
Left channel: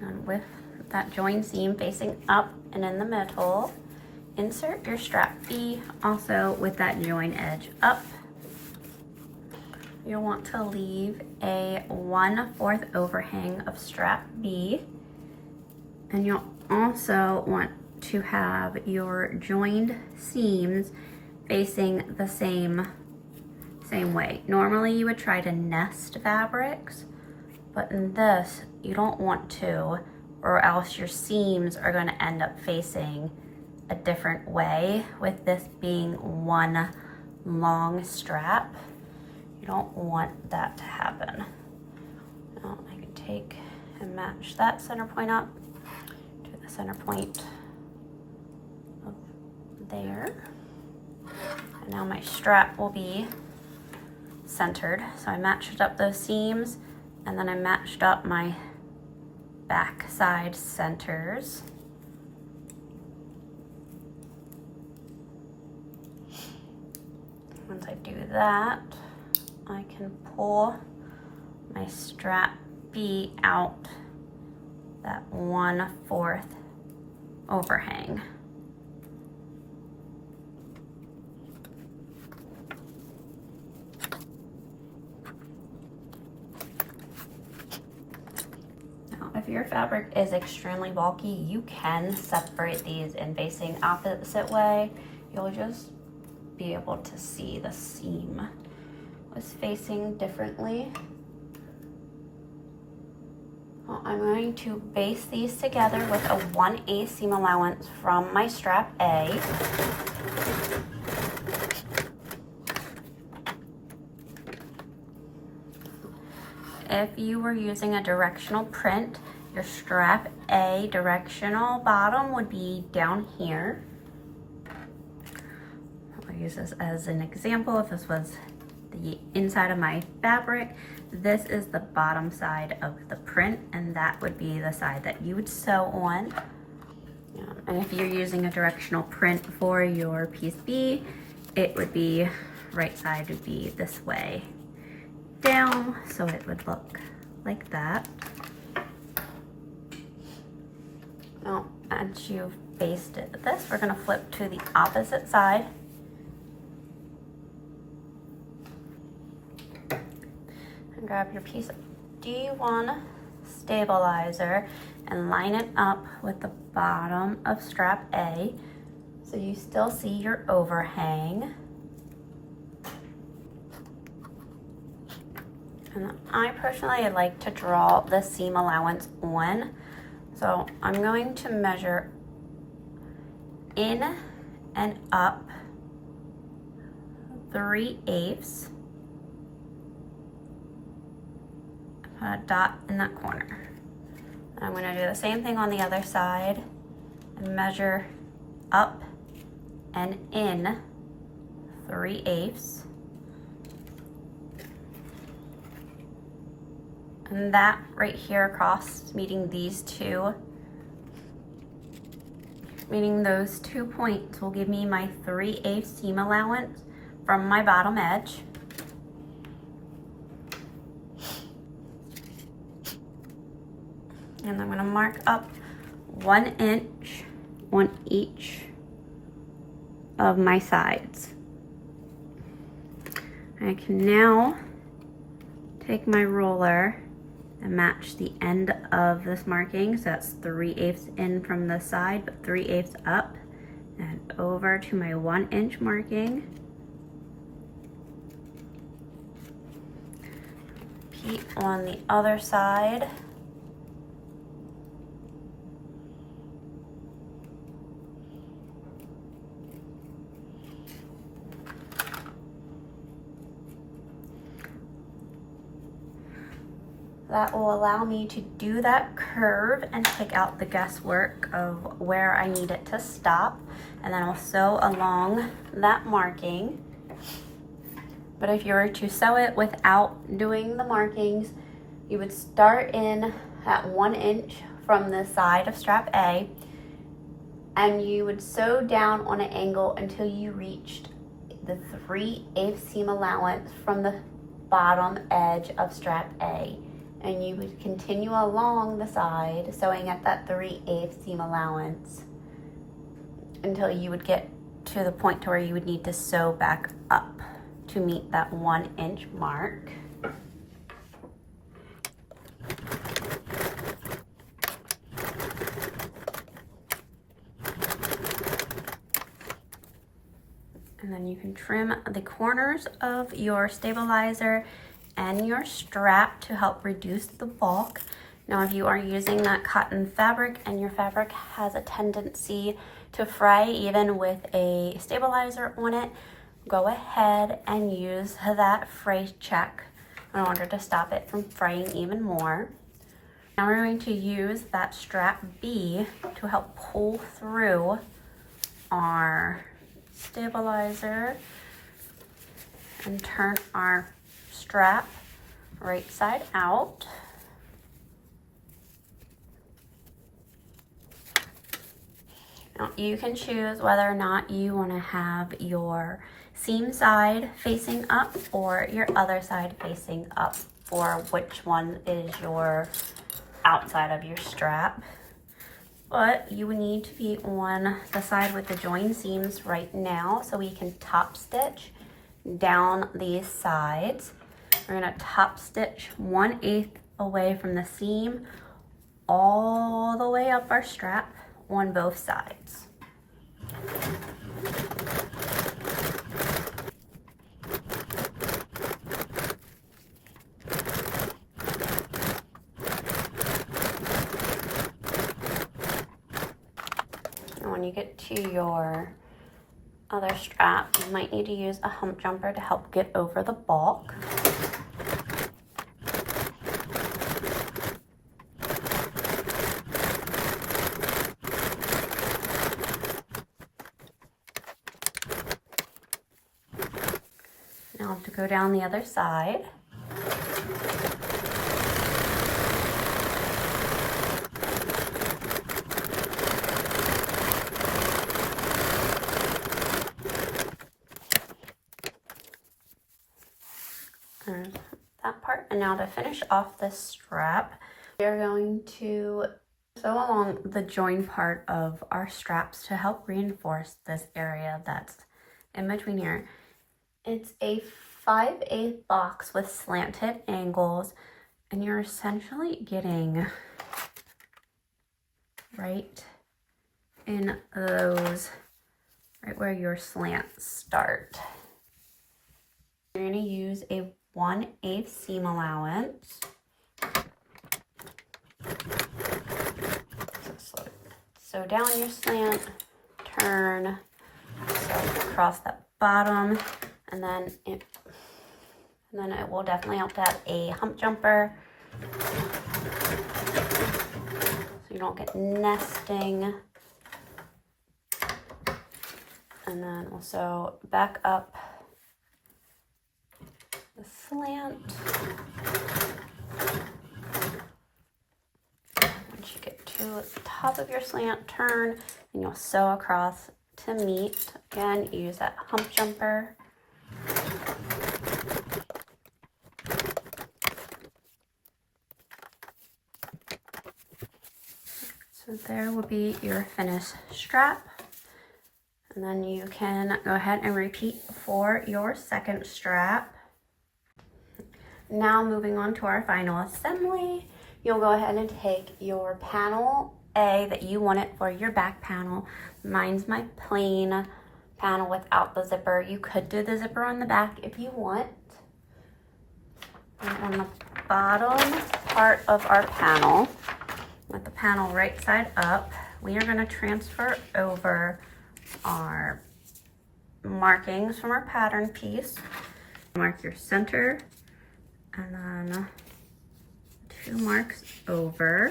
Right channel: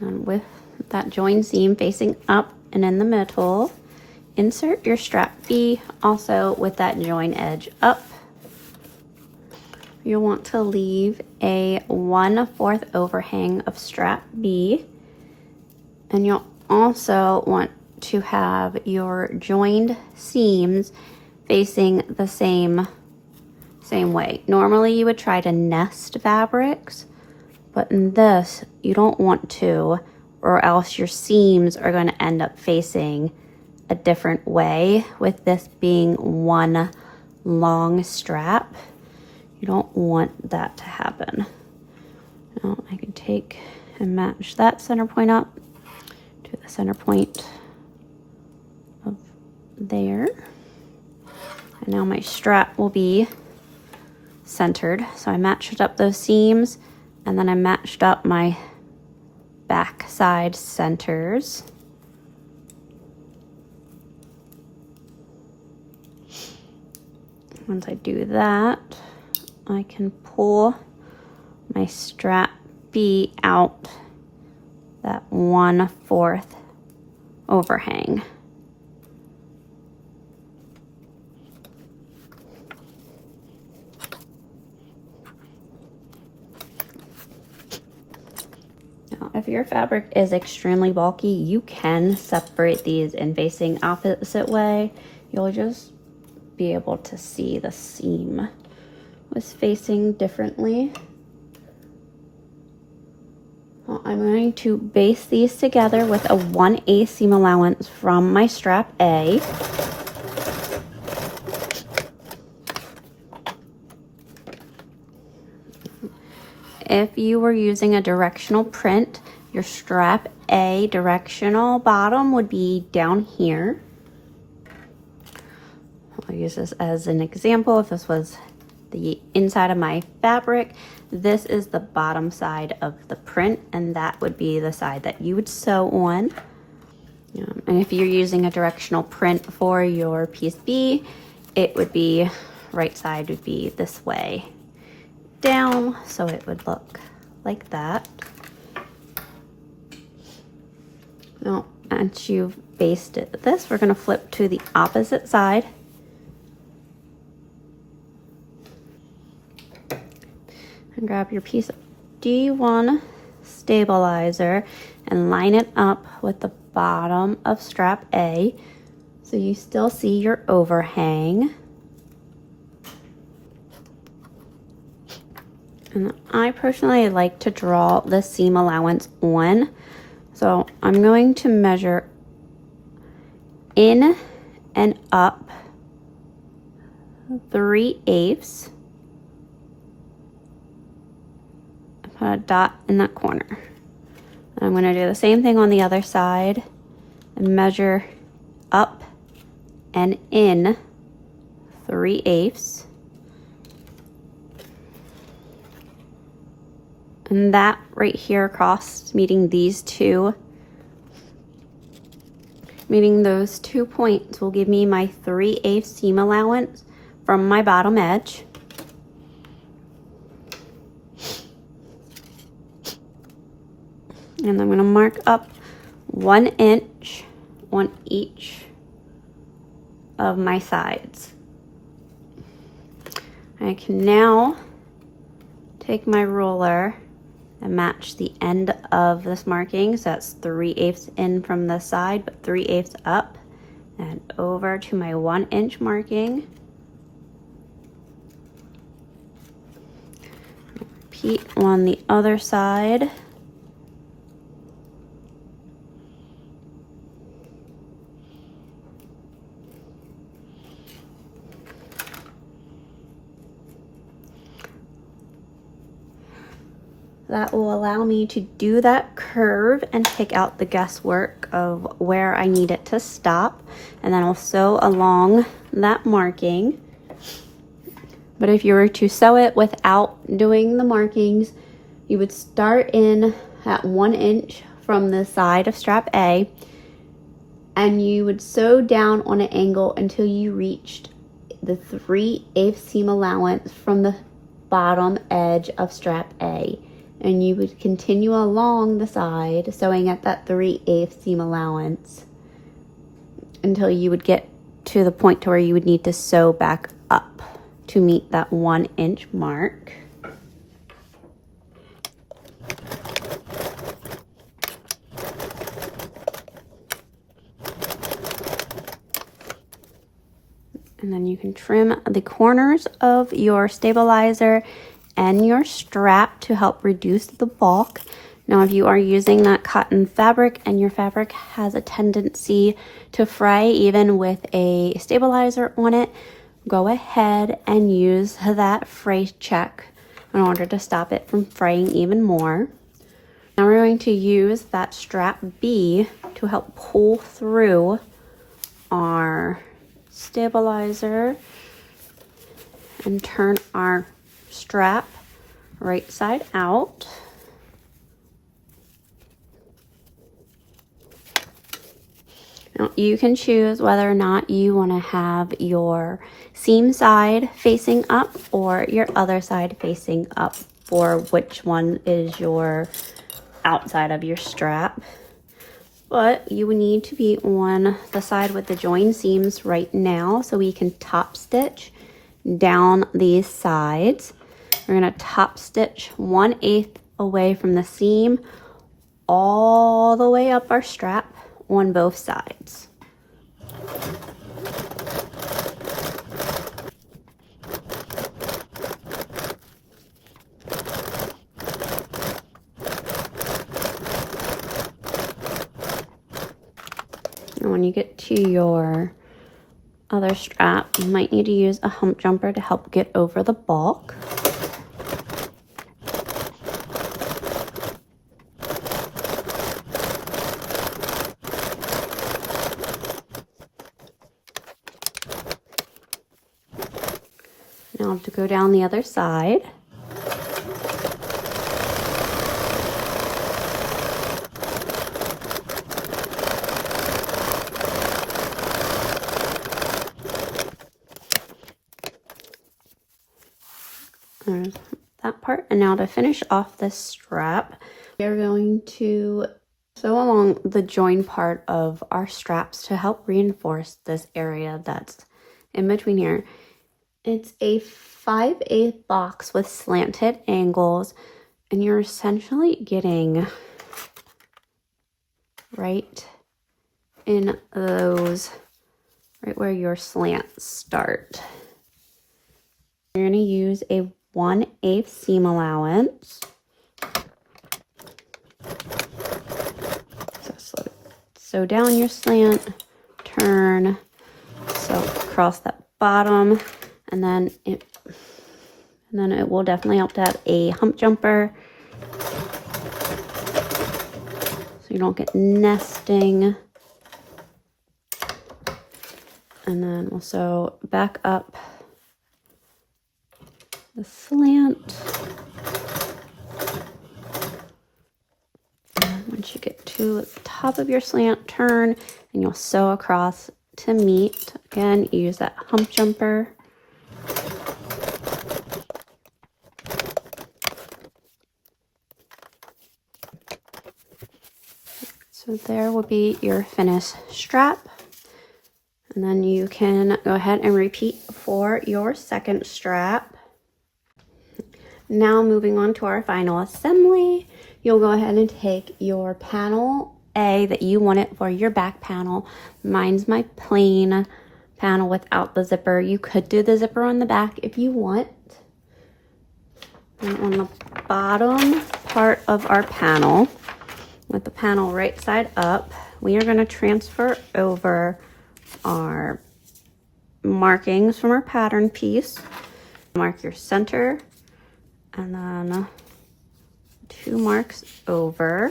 And with that join seam facing up and in the middle, insert your strap B also with that join edge up. You'll want to leave a 1/4 overhang of strap B, and you'll also want to have your joined seams facing the same way. Normally you would try to nest fabrics, but in this you don't want to, or else your seams are going to end up facing a different way. With this being one long strap, you don't want that to happen. Now I can take and match that center point up to the center point of there. And now my strap will be centered. So I matched up those seams, and then I matched up my back side centers. Once I do that, I can pull my strap B out that 1/4 overhang. Now, if your fabric is extremely bulky, you can separate these in facing opposite way. You'll just be able to see the seam was facing differently. Well, I'm going to base these together with a 1/8 seam allowance from my strap A. If you were using a directional print, your strap A directional bottom would be down here. I'll use this as an example. If this was the inside of my fabric, this is the bottom side of the print, and that would be the side that you would sew on. And if you're using a directional print for your piece B, it would be, right side would be this way down, so it would look like that. Now, once you've basted this, we're going to flip to the opposite side. And grab your piece of D1 stabilizer and line it up with the bottom of strap A so you still see your overhang. And I personally like to draw the seam allowance on, so I'm going to measure in and up 3/8. Put a dot in that corner. I'm going to do the same thing on the other side and measure up and in 3/8. And that right here across, meeting those 2 points will give me my 3/8 seam allowance from my bottom edge. And I'm going to mark up 1 inch on each of my sides. I can now take my ruler and match the end of this marking. So that's 3/8 in from the side, but 3/8 up and over to my 1 inch marking. Repeat on the other side. That will allow me to do that curve and take out the guesswork of where I need it to stop, and then I'll sew along that marking. But if you were to sew it without doing the markings, you would start in at 1 inch from the side of strap A, and you would sew down on an angle until you reached the 3/8 seam allowance from the bottom edge of strap A. And you would continue along the side, sewing at that 3/8 seam allowance until you would get to the point to where you would need to sew back up to meet that 1 inch mark. And then you can trim the corners of your stabilizer and your strap to help reduce the bulk. Now, if you are using that cotton fabric and your fabric has a tendency to fray even with a stabilizer on it, go ahead and use that fray check in order to stop it from fraying even more. Now we're going to use that strap B to help pull through our stabilizer and turn our strap right side out. Now you can choose whether or not you want to have your seam side facing up or your other side facing up, or which one is your outside of your strap. But you need to be on the side with the join seams right now, so we can top stitch down these sides. We're going to top stitch 1/8 away from the seam all the way up our strap on both sides. And when you get to your other strap, you might need to use a hump jumper to help get over the balk. Now to go down the other side. There's that part. And now to finish off this strap, we're going to sew along the join part of our straps to help reinforce this area that's in between here. It's a 5/8 box with slanted angles, and you're essentially getting right in those, right where your slants start. You're going to use a 1/8 seam allowance. So sew down your slant, turn, sew across that bottom, and then it will definitely help to have a hump jumper so you don't get nesting. And then we'll sew back up the slant. Once you get to the top of your slant, turn, and you'll sew across to meet. Again, use that hump jumper. So there will be your finished strap. And then you can go ahead and repeat for your second strap. Now moving on to our final assembly, you'll go ahead and take your panel A that you want it for your back panel. Mine's my plain panel without the zipper. You could do the zipper on the back if you want. And on the bottom part of our panel, with the panel right side up, we are going to transfer over our markings from our pattern piece. Mark your center, and then 2 marks over,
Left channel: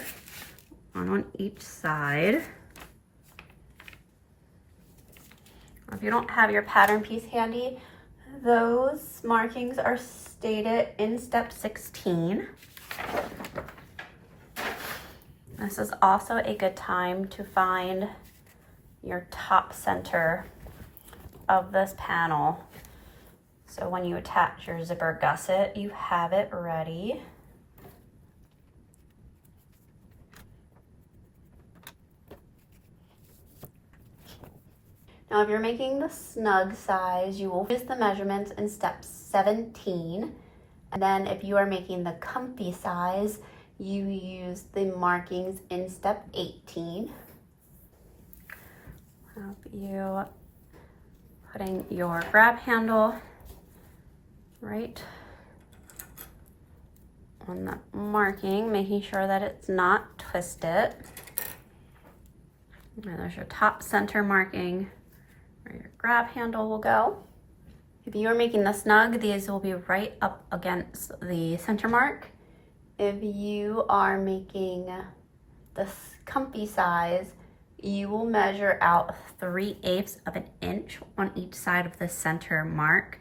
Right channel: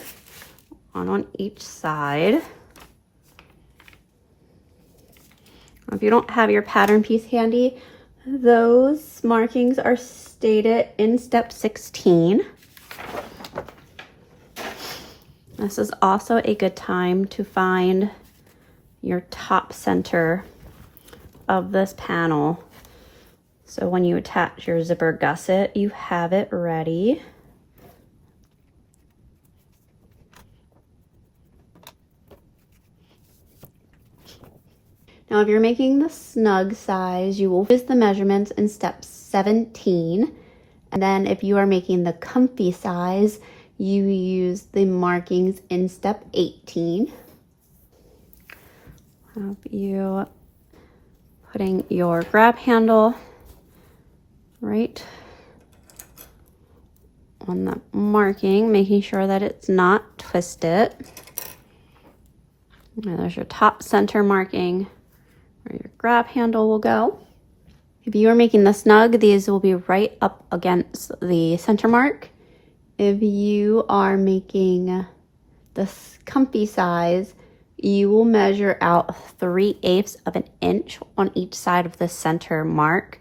one on each side. If you don't have your pattern piece handy, those markings are stated in step 16. This is also a good time to find your top center of this panel. So when you attach your zipper gusset, you have it ready. Now, if you're making the snug size, you will use the measurements in step 17. And then if you are making the comfy size, you use the markings in step 18. You putting your grab handle right on the marking, making sure that it's not twisted. Now there's your top center marking where your grab handle will go. If you are making the snug, these will be right up against the center mark. If you are making the comfy size, you will measure out 3/8 of an inch on each side of the center mark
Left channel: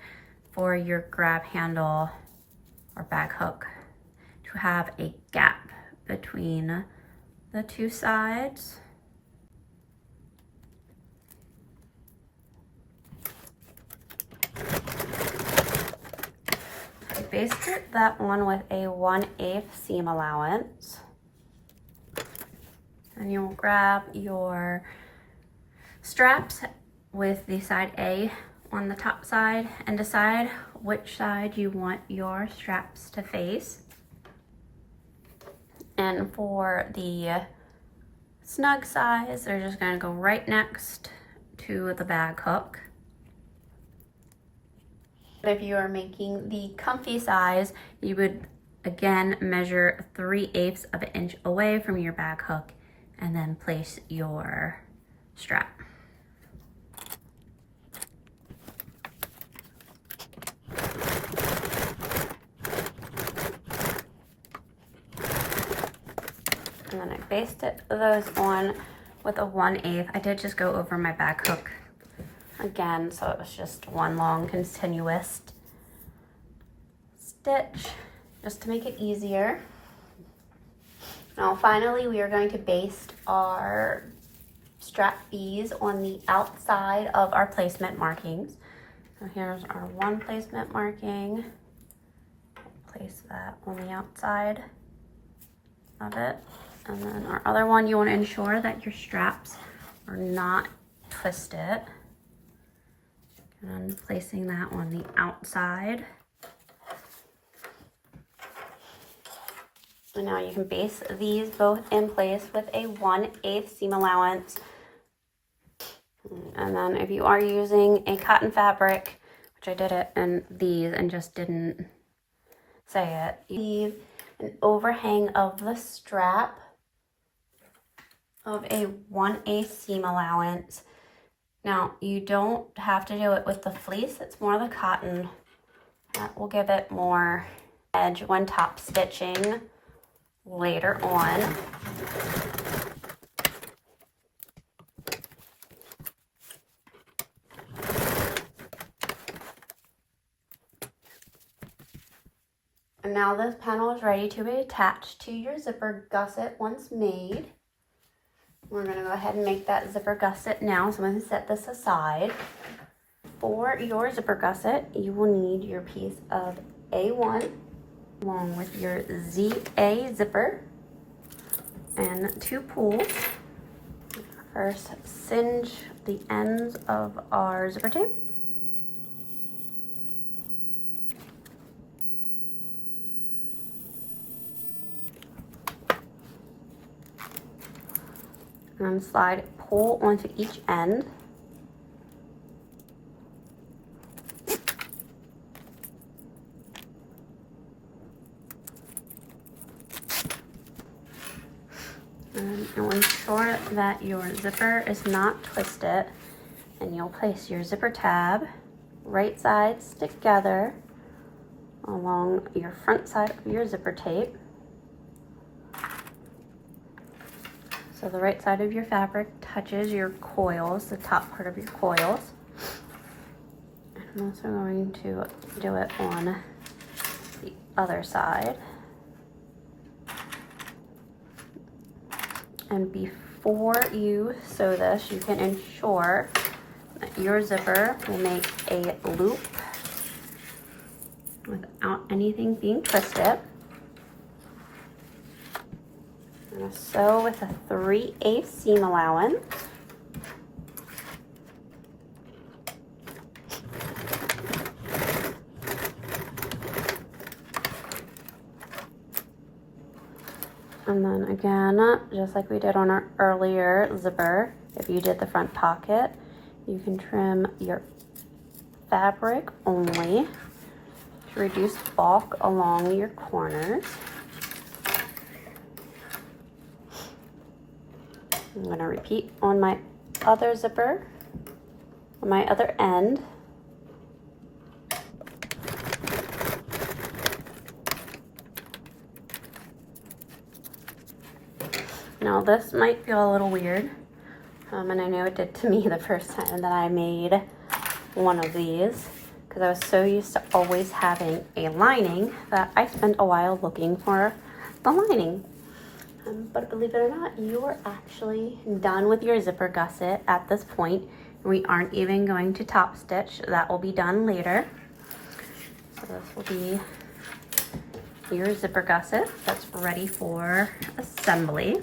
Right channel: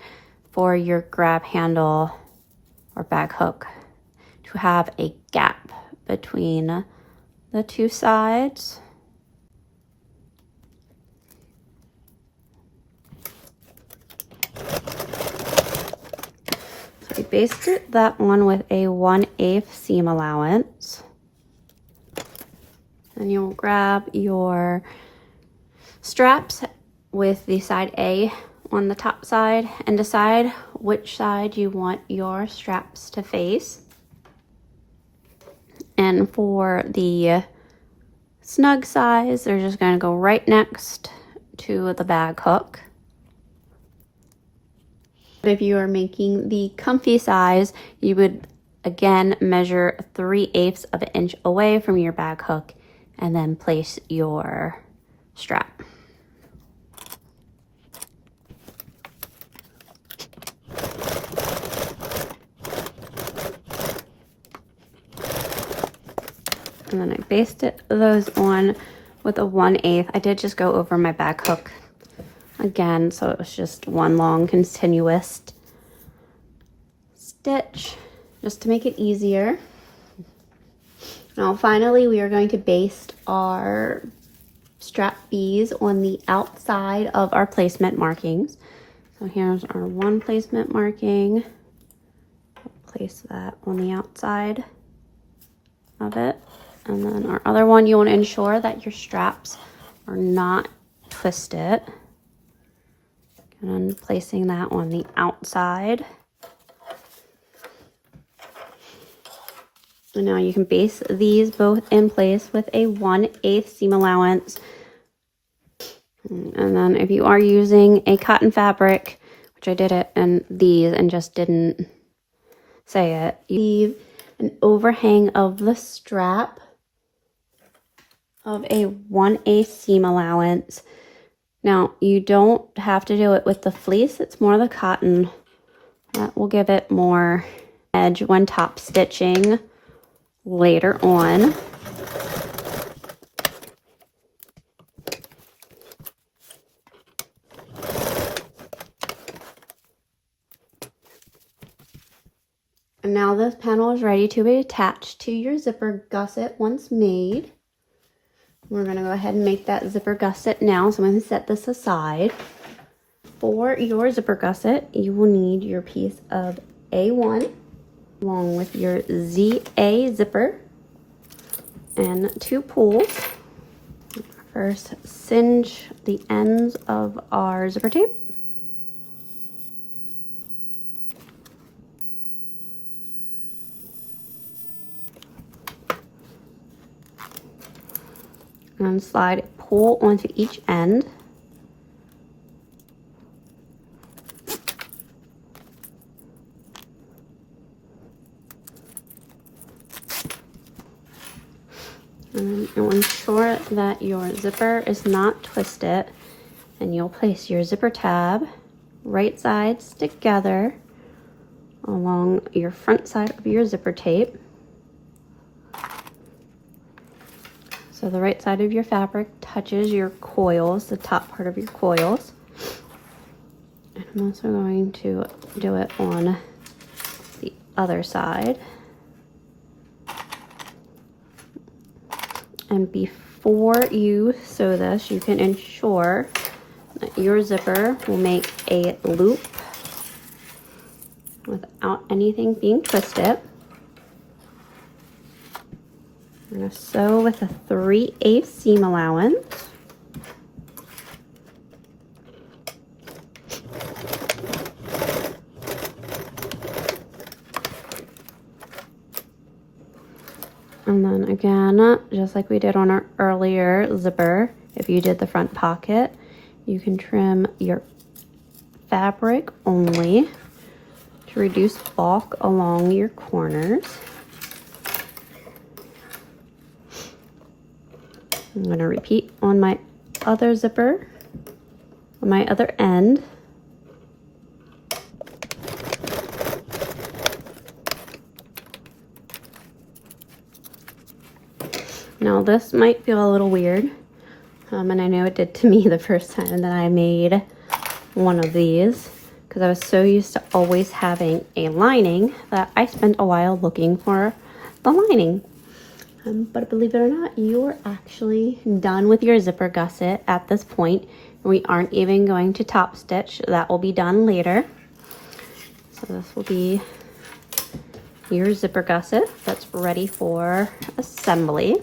for your grab handle or bag hook to have a gap between the two sides. I basted that one with a 1/8 seam allowance. And you'll grab your straps with the side A on the top side and decide which side you want your straps to face. And for the snug size, they're just going to go right next to the bag hook. If you are making the comfy size, you would again measure 3/8 of an inch away from your bag hook and then place your strap. And then I basted those on with a 1/8. I did just go over my bag hook again, so it was just one long continuous stitch just to make it easier. Now finally we are going to baste our strap B's on the outside of our placement markings. So here's our one placement marking. Place that on the outside of it. And then our other one, you want to ensure that your straps are not twisted. And placing that on the outside. And now you can base these both in place with a 1/8 seam allowance. And then if you are using a cotton fabric, which I did it in these and just didn't say it, you leave an overhang of the strap of a 1/8 seam allowance. Now, you don't have to do it with the fleece, it's more the cotton. That will give it more edge when top stitching later on. And now this panel is ready to be attached to your zipper gusset once made. We're going to go ahead and make that zipper gusset now. So I'm going to set this aside. For your zipper gusset, you will need your piece of A1 along with your ZA zipper and 2 pulls. First, singe the ends of our zipper tape. And slide pull onto each end. And you'll ensure that your zipper is not twisted, and you'll place your zipper tab right sides together along your front side of your zipper tape. So the right side of your fabric touches your coils, the top part of your coils. And I'm also going to do it on the other side. And before you sew this, you can ensure that your zipper will make a loop without anything being twisted. I'm going to sew with a 3/8 seam allowance. And then again, just like we did on our earlier zipper, if you did the front pocket, you can trim your fabric only to reduce bulk along your corners. I'm going to repeat on my other zipper, on my other end. Now this might feel a little weird, and I know it did to me the first time that I made one of these, because I was so used to always having a lining that I spent a while looking for the lining. But believe it or not, you are actually done with your zipper gusset at this point. We aren't even going to top stitch. That will be done later. So this will be your zipper gusset that's ready for assembly.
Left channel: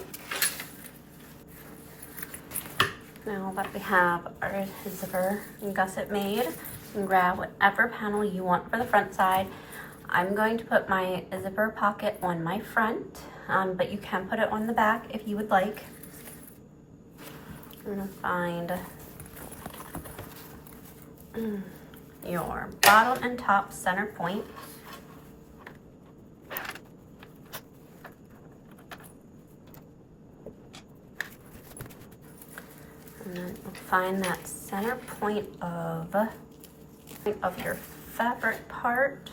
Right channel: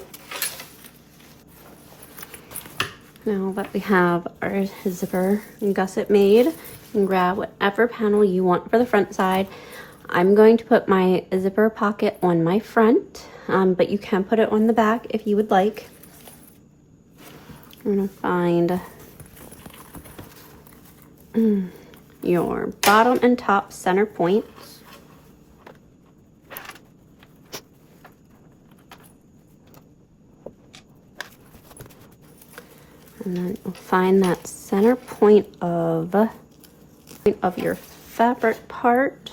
Now that we have our zipper gusset made, you can grab whatever panel you want for the front side. I'm going to put my zipper pocket on my front, but you can put it on the back if you would like. I'm going to find your bottom and top center points. And then find that center point of your fabric part.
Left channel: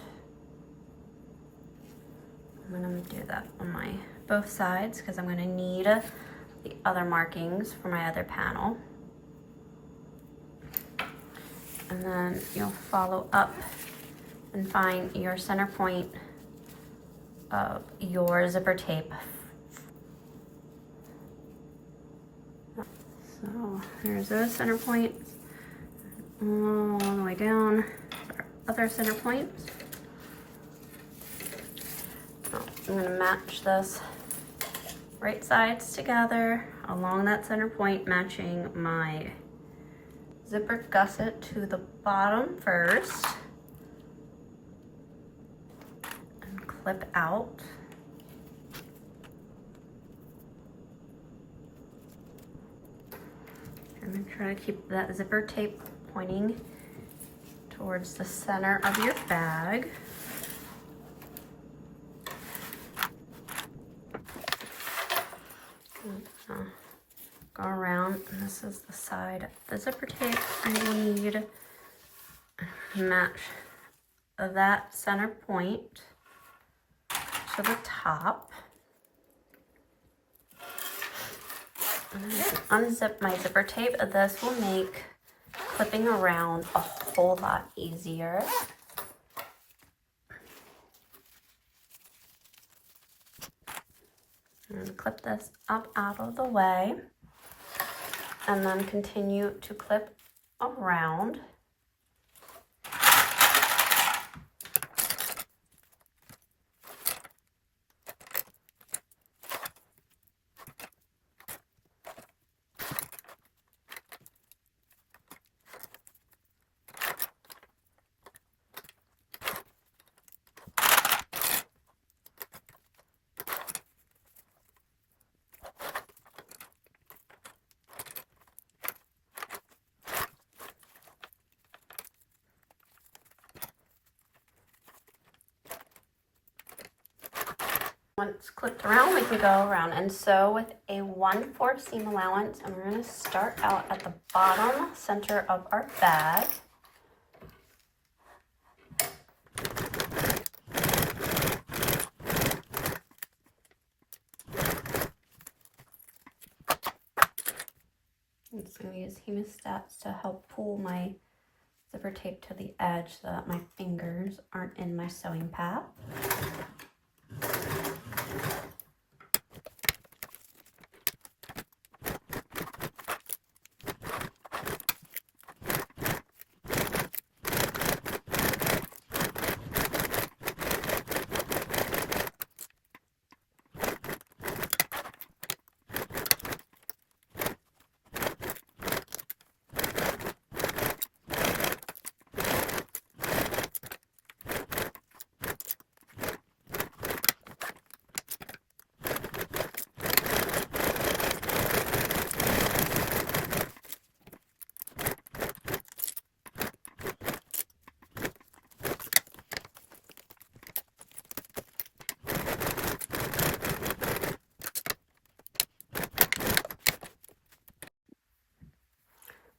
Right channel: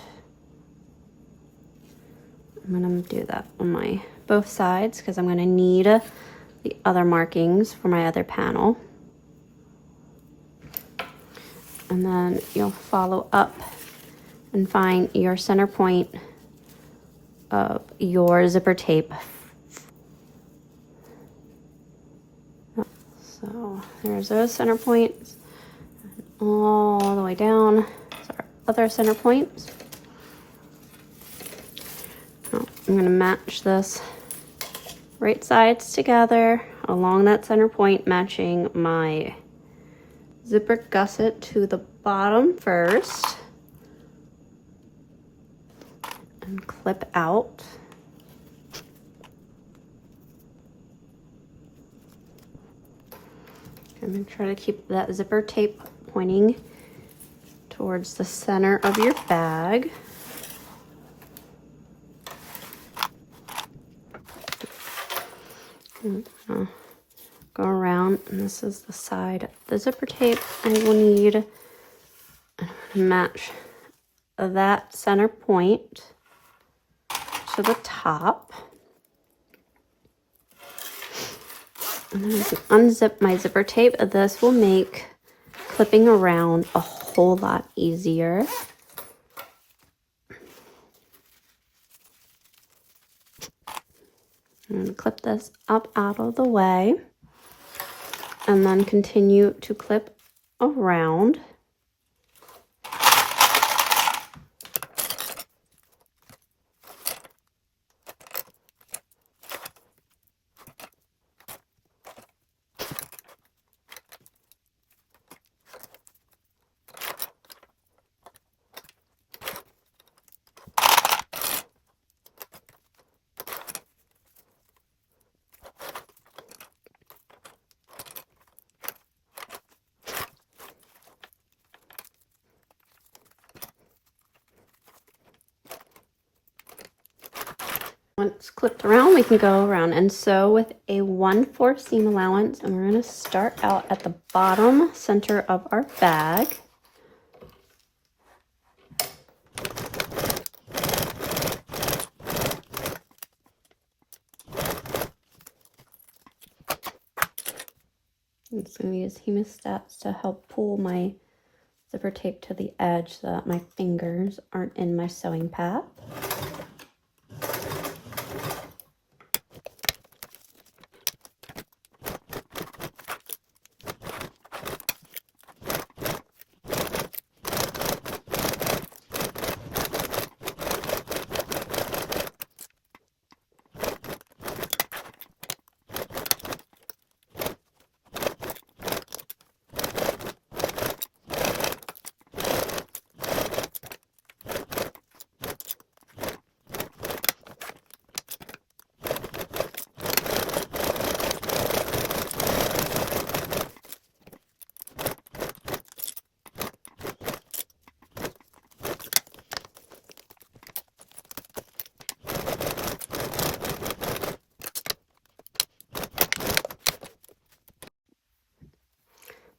I'm going to do that on my both sides because I'm going to need the other markings for my other panel. And then you'll follow up and find your center point of your zipper tape. So there's those center points all the way down. So our other center points. I'm going to match this right sides together along that center point, matching my zipper gusset to the bottom first. And clip out. And then try to keep that zipper tape pointing towards the center of your bag. Go around, and this is the side of the zipper tape. I will need to match that center point to the top. And then I can unzip my zipper tape. This will make clipping around a whole lot easier. And clip this up out of the way, and then continue to clip around. Once clipped around, we can go around and sew with a 1/4 seam allowance, and we're going to start out at the bottom center of our bag. I'm just going to use hemostats to help pull my zipper tape to the edge so that my fingers aren't in my sewing pad.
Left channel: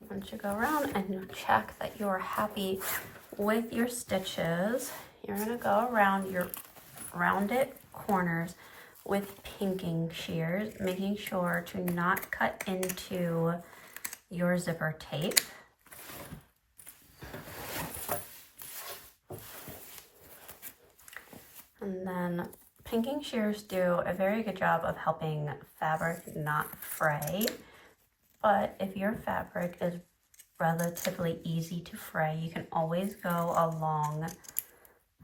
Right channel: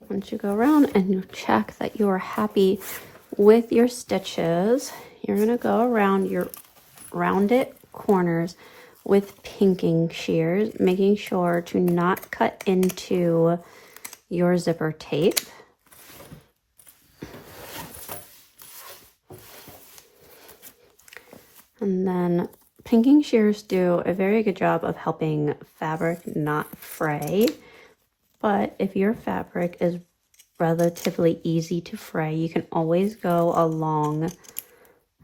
Once you go around and you check that you are happy with your stitches, you're going to go around your rounded corners with pinking shears, making sure to not cut into your zipper tape. And then pinking shears do a very good job of helping fabric not fray. But if your fabric is relatively easy to fray, you can always go along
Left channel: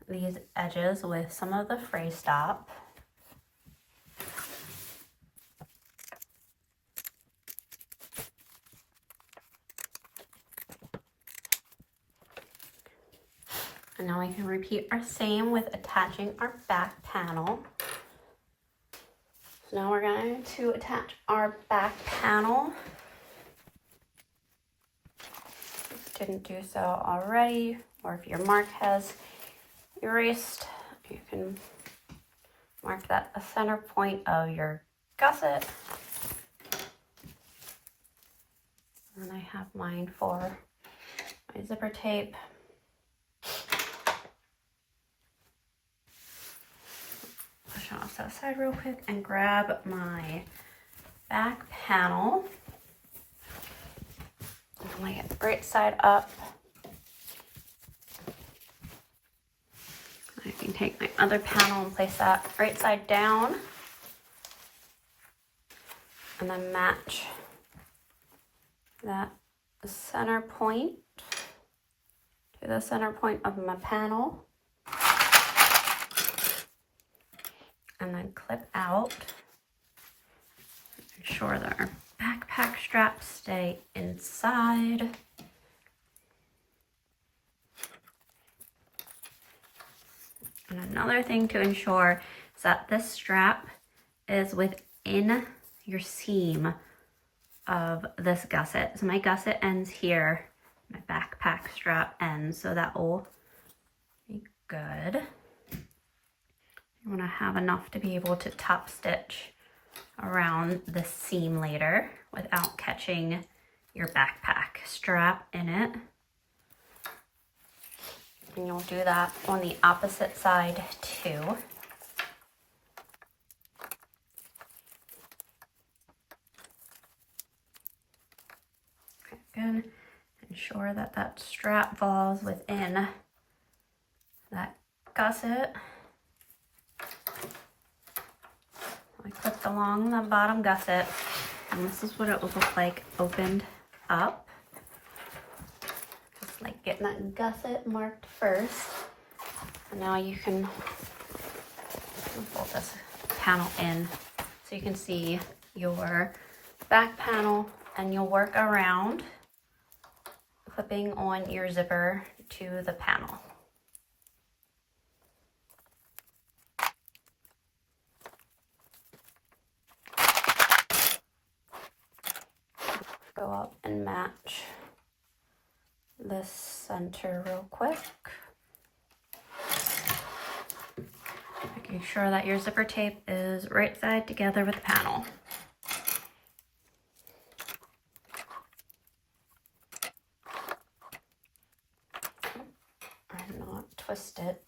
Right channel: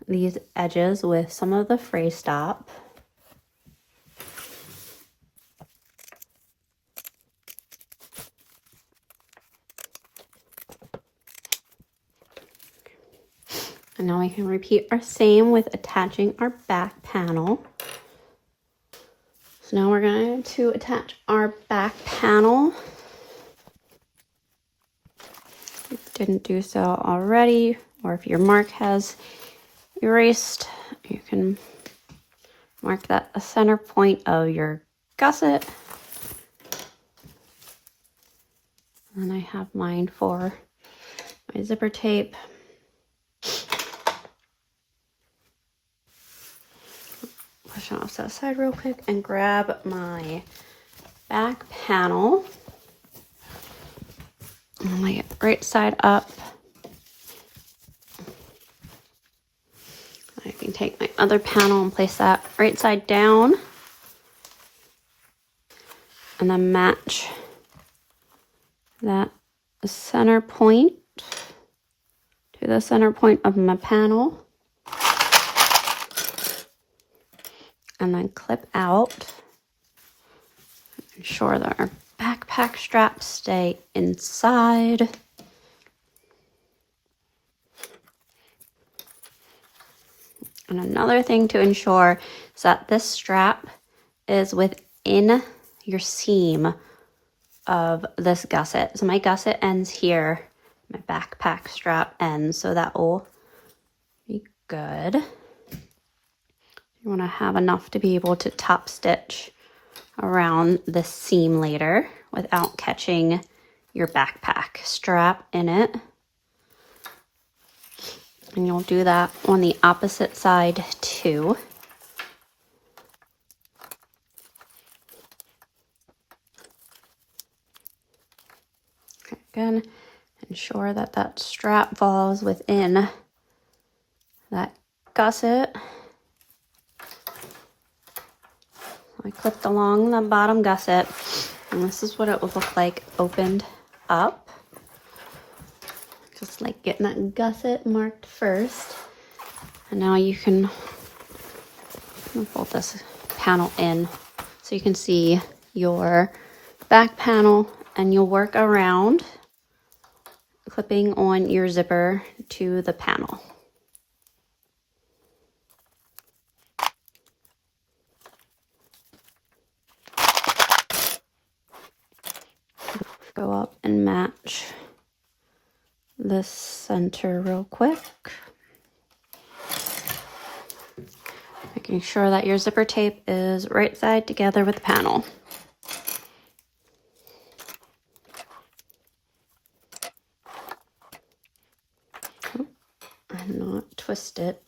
these edges with some of the fray stop. And now we can repeat our same with attaching our back panel. So now we're going to attach our back panel. If you didn't do so already, or if your mark has erased, you can mark that a center point of your gusset. And I have mine for my zipper tape. Push it off to the side real quick and grab my back panel. On my right side up. I can take my other panel and place that right side down. And then match that center point to the center point of my panel. And then clip out. Ensure that our backpack straps stay inside. And another thing to ensure is that this strap is within your seam of this gusset. So my gusset ends here, my backpack strap ends, so that will be good. You want to have enough to be able to top stitch around the seam later without catching your backpack strap in it. And you'll do that on the opposite side too. Again, ensure that that strap falls within that gusset. I clipped along the bottom gusset, and this is what it would look like opened up. Just like getting that gusset marked first. And now you can fold this panel in so you can see your back panel, and you'll work around clipping on your zipper to the panel. Go up and match this center real quick. Making sure that your zipper tape is right side together with the panel. And not twist it.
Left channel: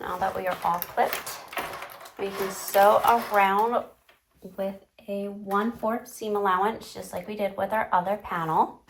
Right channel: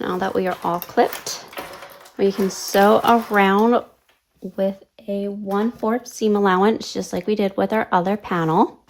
Now that we are all clipped, we can sew around with a 1/4 seam allowance, just like we did with our other panel.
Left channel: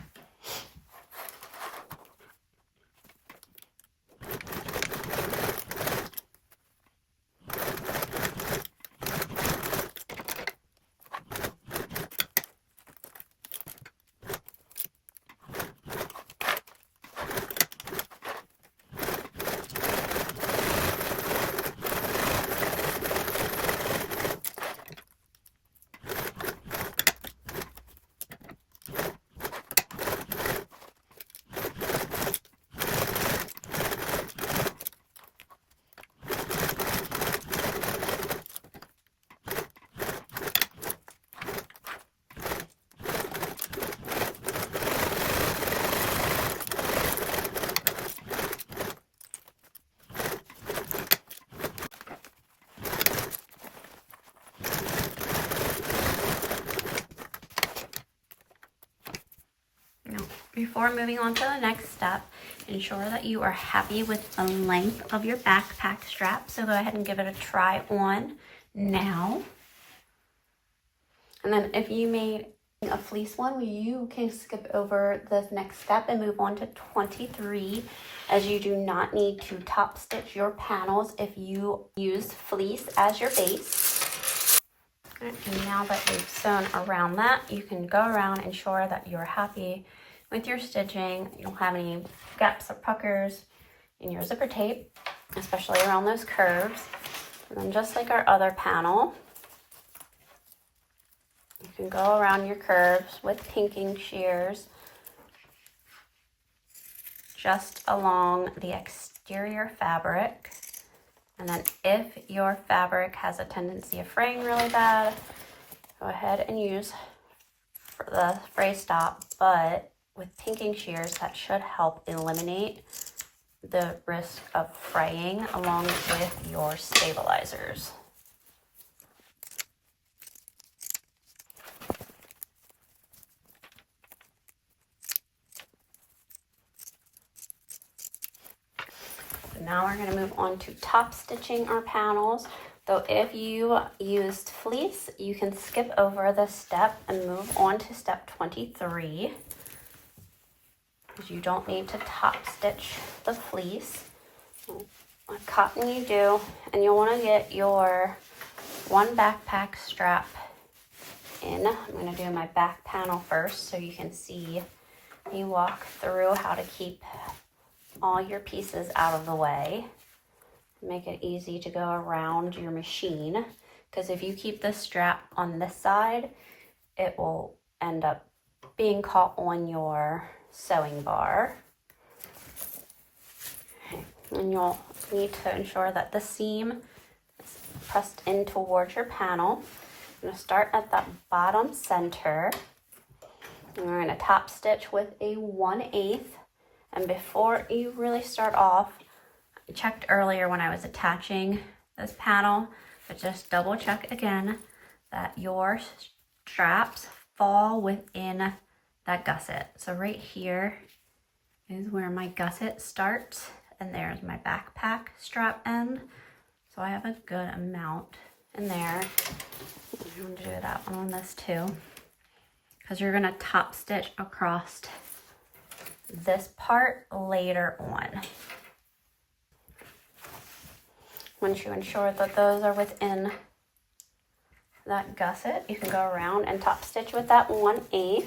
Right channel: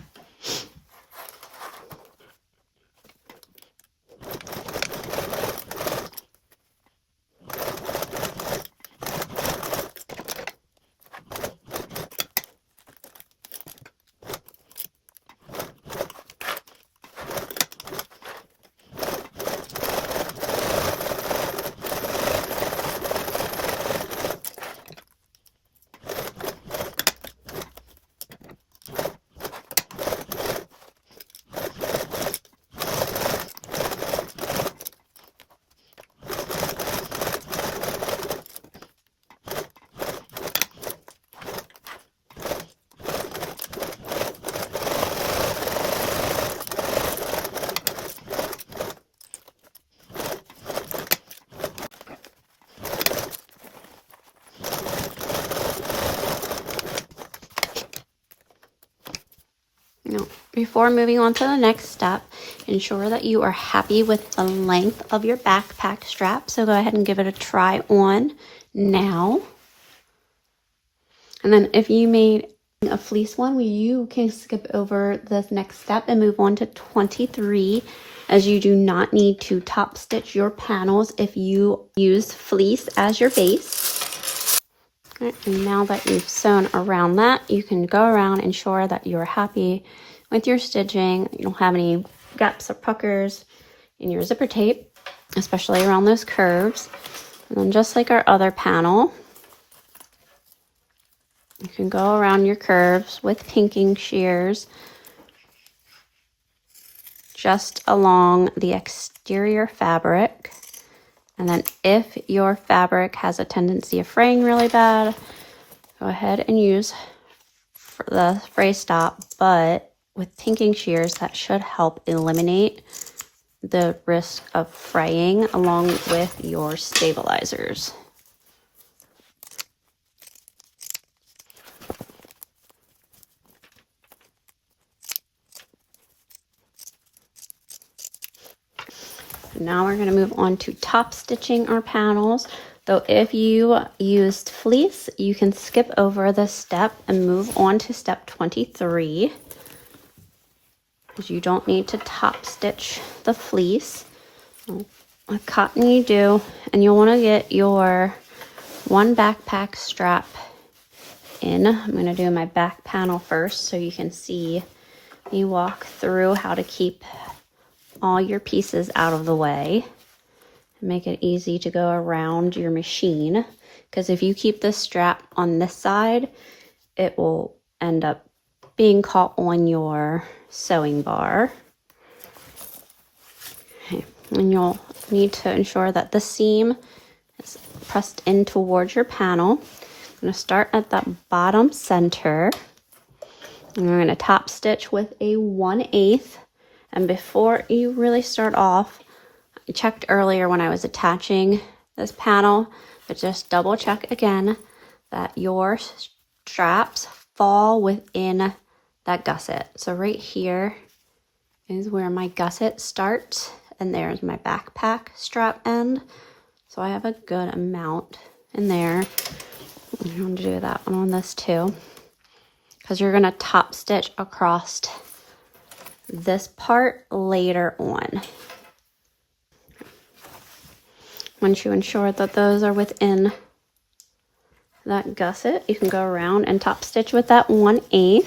Before moving on to the next step, ensure that you are happy with the length of your backpack strap. So go ahead and give it a try on now. And then if you made a fleece one, you can skip over this next step and move on to 23, as you do not need to top stitch your panels if you use fleece as your base. And now that you've sewn around that, you can go around and ensure that you're happy with your stitching. You don't have any gaps or puckers in your zipper tape, especially around those curves. And then just like our other panel, you can go around your curves with pinking shears just along the exterior fabric. And then if your fabric has a tendency of fraying really bad, go ahead and use the fray stop, but with pinking shears, that should help eliminate the risk of fraying along with your stabilizers. Now we're going to move on to top stitching our panels. Though if you used fleece, you can skip over this step and move on to step 23. Because you don't need to top stitch the fleece. With cotton you do, and you want to get your one backpack strap in. I'm going to do my back panel first so you can see me walk through how to keep all your pieces out of the way and make it easy to go around your machine. Because if you keep this strap on this side, it will end up being caught on your sewing bar. Okay. And you'll need to ensure that the seam is pressed in towards your panel. I'm going to start at that bottom center, and we're going to top stitch with a 1/8. And before you really start off, I checked earlier when I was attaching this panel, but just double check again that your straps fall within that gusset. So right here is where my gusset starts, and there's my backpack strap end. So I have a good amount in there. I'm going to do that one on this too, because you're going to top stitch across this part later on. Once you ensure that those are within that gusset, you can go around and top stitch with that 1/8.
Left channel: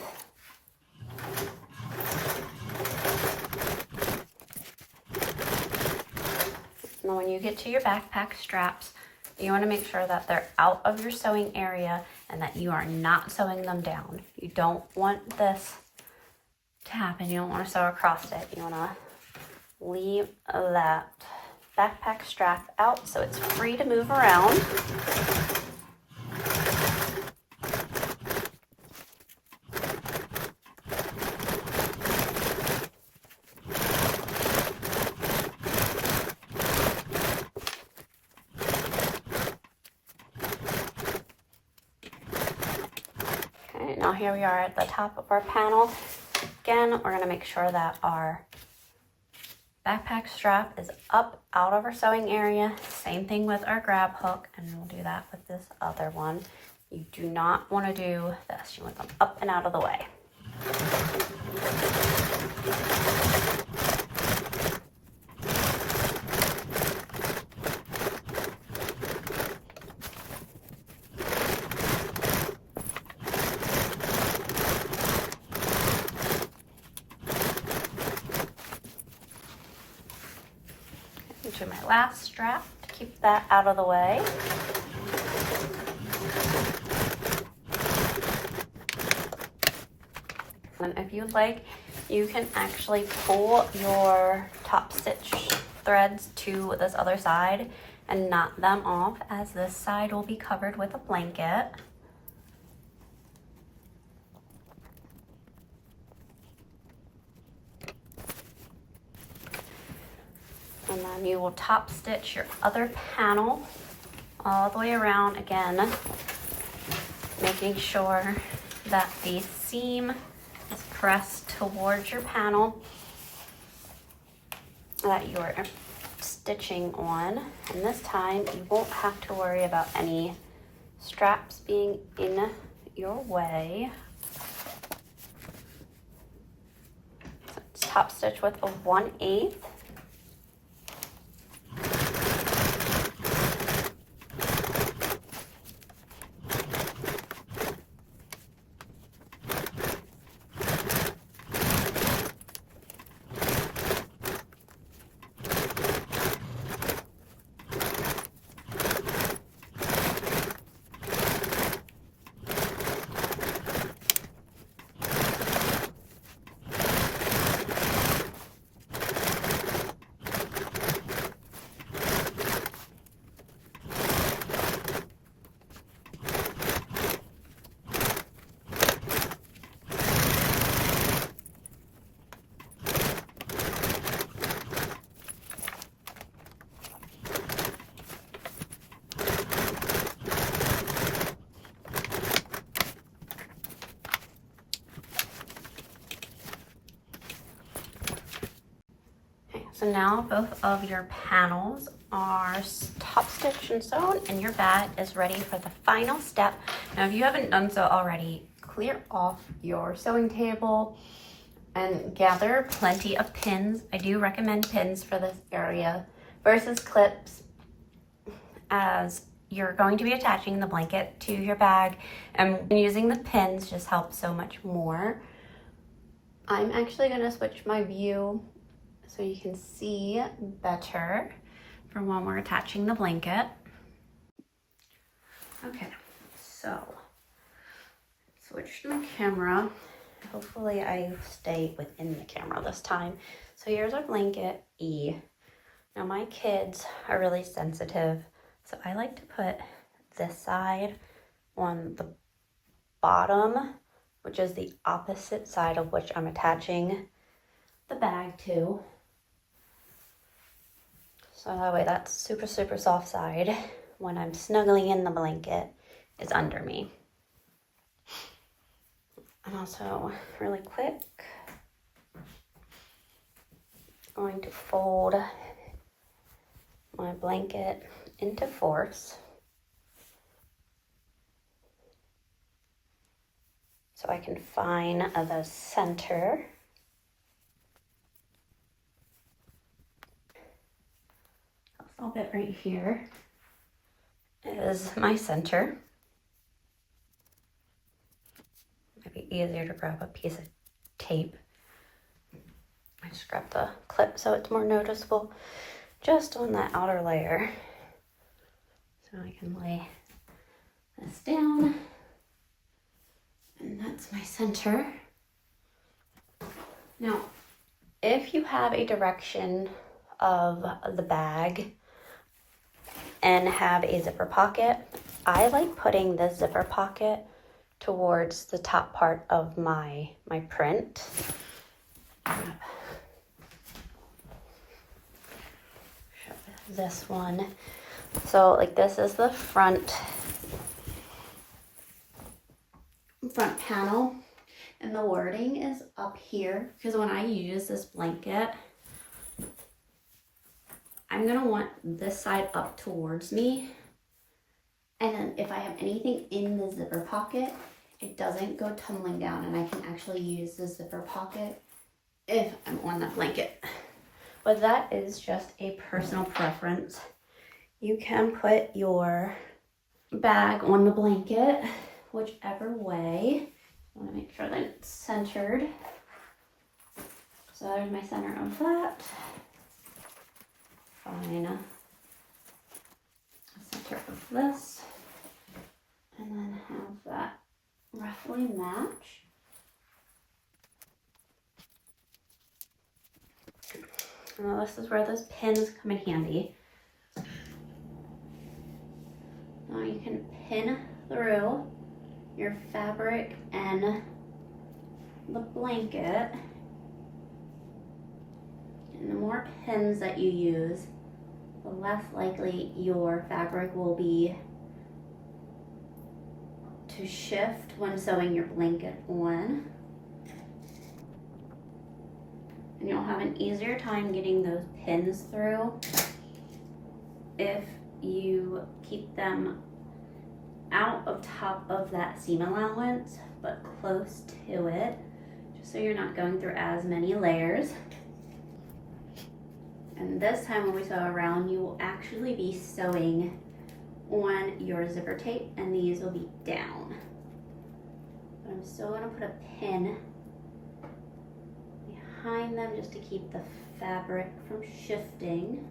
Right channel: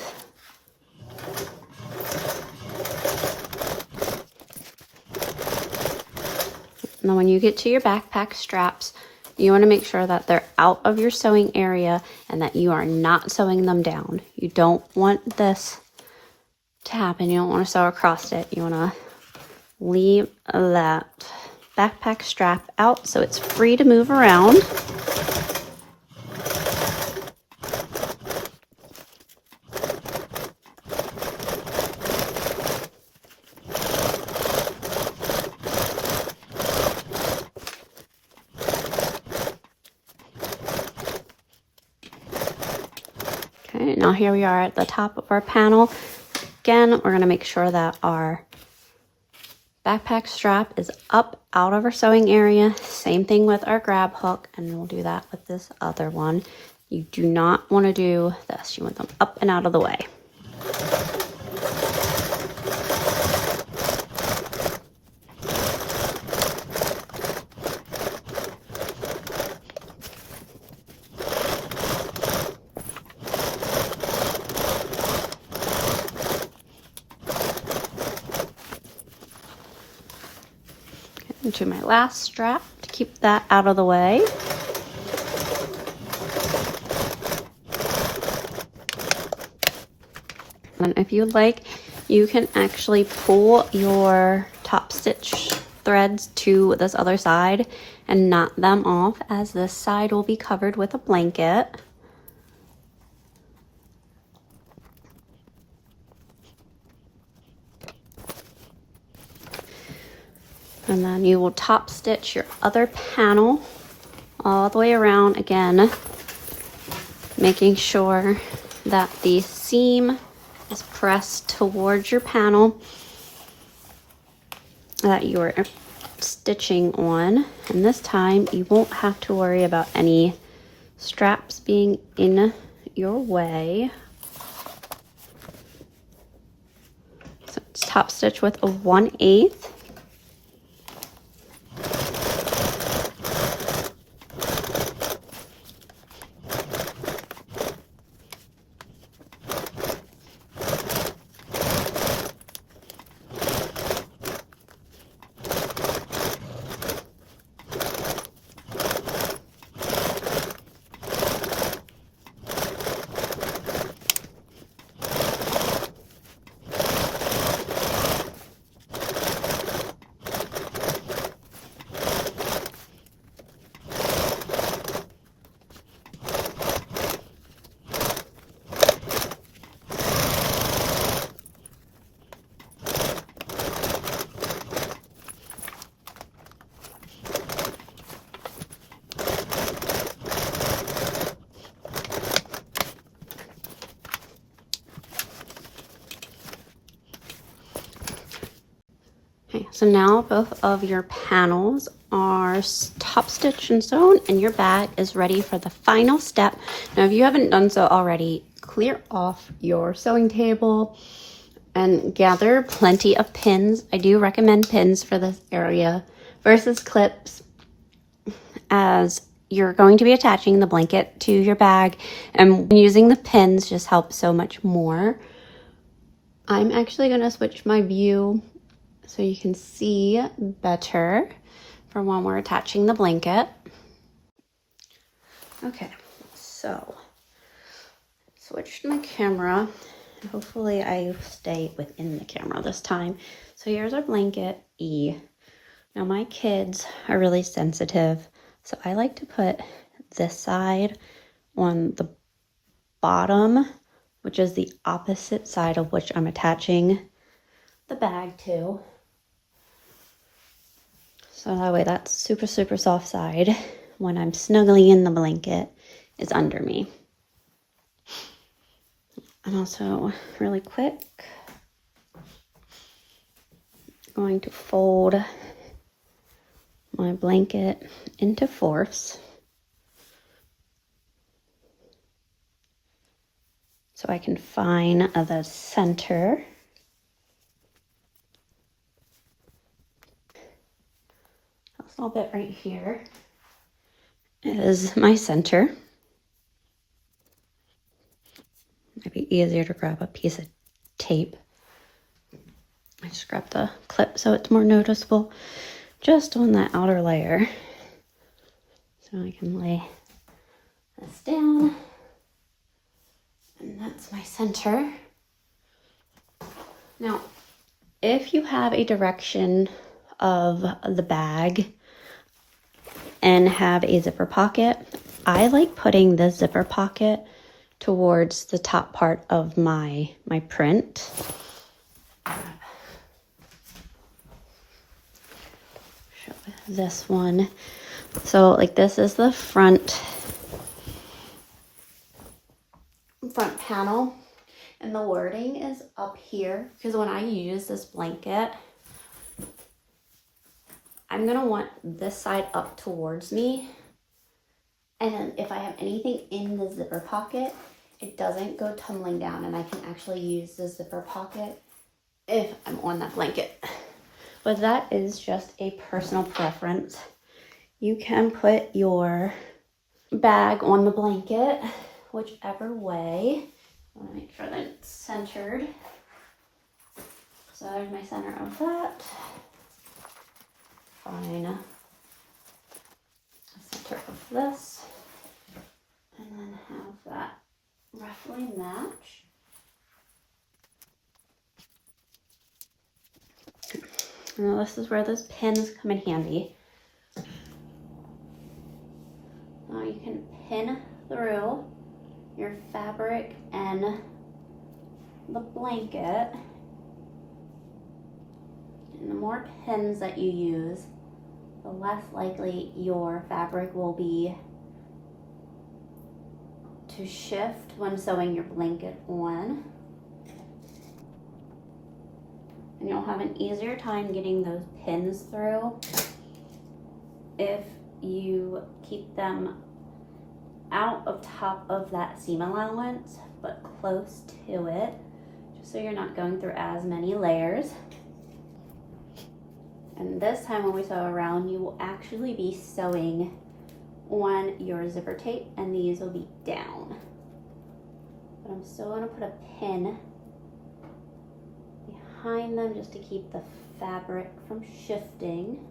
And then when you get to your backpack straps, you want to make sure that they're out of your sewing area and that you are not sewing them down. You don't want this to happen. You don't want to sew across it. You want to leave that backpack strap out so it's free to move around. Okay, now here we are at the top of our panel. Again, we're going to make sure that our backpack strap is up out of our sewing area. Same thing with our grab hook, and we'll do that with this other one. You do not want to do this. You want them up and out of the way. To my last strap to keep that out of the way. And if you'd like, you can actually pull your top stitch threads to this other side and knot them off, as this side will be covered with a blanket. And then you will top stitch your other panel all the way around again, making sure that the seam is press towards your panel that you're stitching on, and this time you won't have to worry about any straps being in your way. So it's top stitch with a 1/8. Okay, so now both of your panels are top stitched and sewn, and your bag is ready for the final step. Now, if you haven't done so already, clear off your sewing table and gather plenty of pins. I do recommend pins for this area versus clips, as you're going to be attaching the blanket to your bag, and using the pins just helps so much more. I'm actually going to switch my view so you can see better for when we're attaching the blanket. Okay, so switch my camera. Hopefully I stay within the camera this time. So here's our blanket E. Now my kids are really sensitive, so I like to put this side on the bottom, which is the opposite side of which I'm attaching the bag to. So that way that super soft side, when I'm snuggling in the blanket, is under me. I'm also really quick going to fold my blanket into fourths so I can find the center. This little bit right here is my center. Might be easier to grab a piece of tape. I just grabbed the clip so it's more noticeable just on that outer layer. So I can lay this down, and that's my center. Now, if you have a direction of the bag and have a zipper pocket, I like putting the zipper pocket towards the top part of my print. Show this one. So like this is the front panel, and the wording is up here because when I use this blanket, I'm gonna want this side up towards me. And then if I have anything in the zipper pocket, it doesn't go tumbling down, and I can actually use the zipper pocket if I'm on that blanket. But that is just a personal preference. You can put your bag on the blanket, whichever way. I want to make sure that it's centered. So there's my center of that. Fine. A center of this. And then have that roughly match. Now this is where those pins come in handy. Now you can pin through your fabric and the blanket. And the more pins that you use, the less likely your fabric will be to shift when sewing your blanket on. and you'll have an easier time getting those pins through if you keep them out of top of that seam allowance, but close to it, just so you're not going through as many layers. And this time when we sew around, you will actually be sewing on your zipper tape, and these will be down. But I'm still going to put a pin behind them just to keep the fabric from shifting.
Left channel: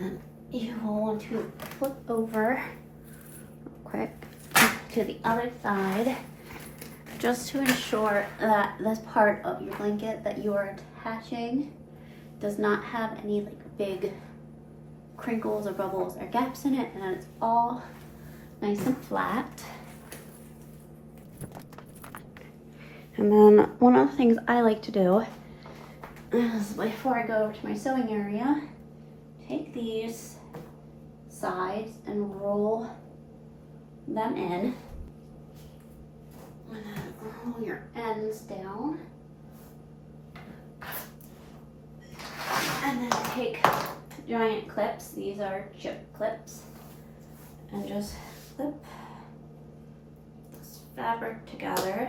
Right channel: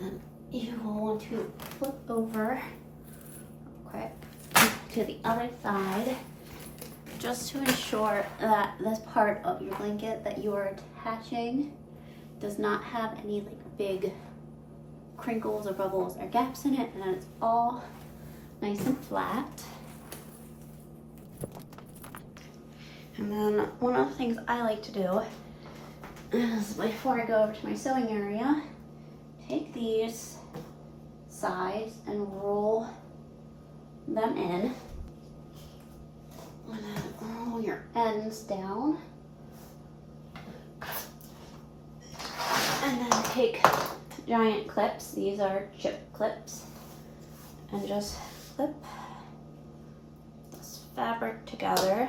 And you will want to flip over real quick to the other side, just to ensure that this part of your blanket that you are attaching does not have any like big crinkles or bubbles or gaps in it, and that it's all nice and flat. And then one of the things I like to do is, before I go over to my sewing area, take these sides and roll them in, and then roll your ends down, and then take giant clips, these are chip clips, and just clip this fabric together.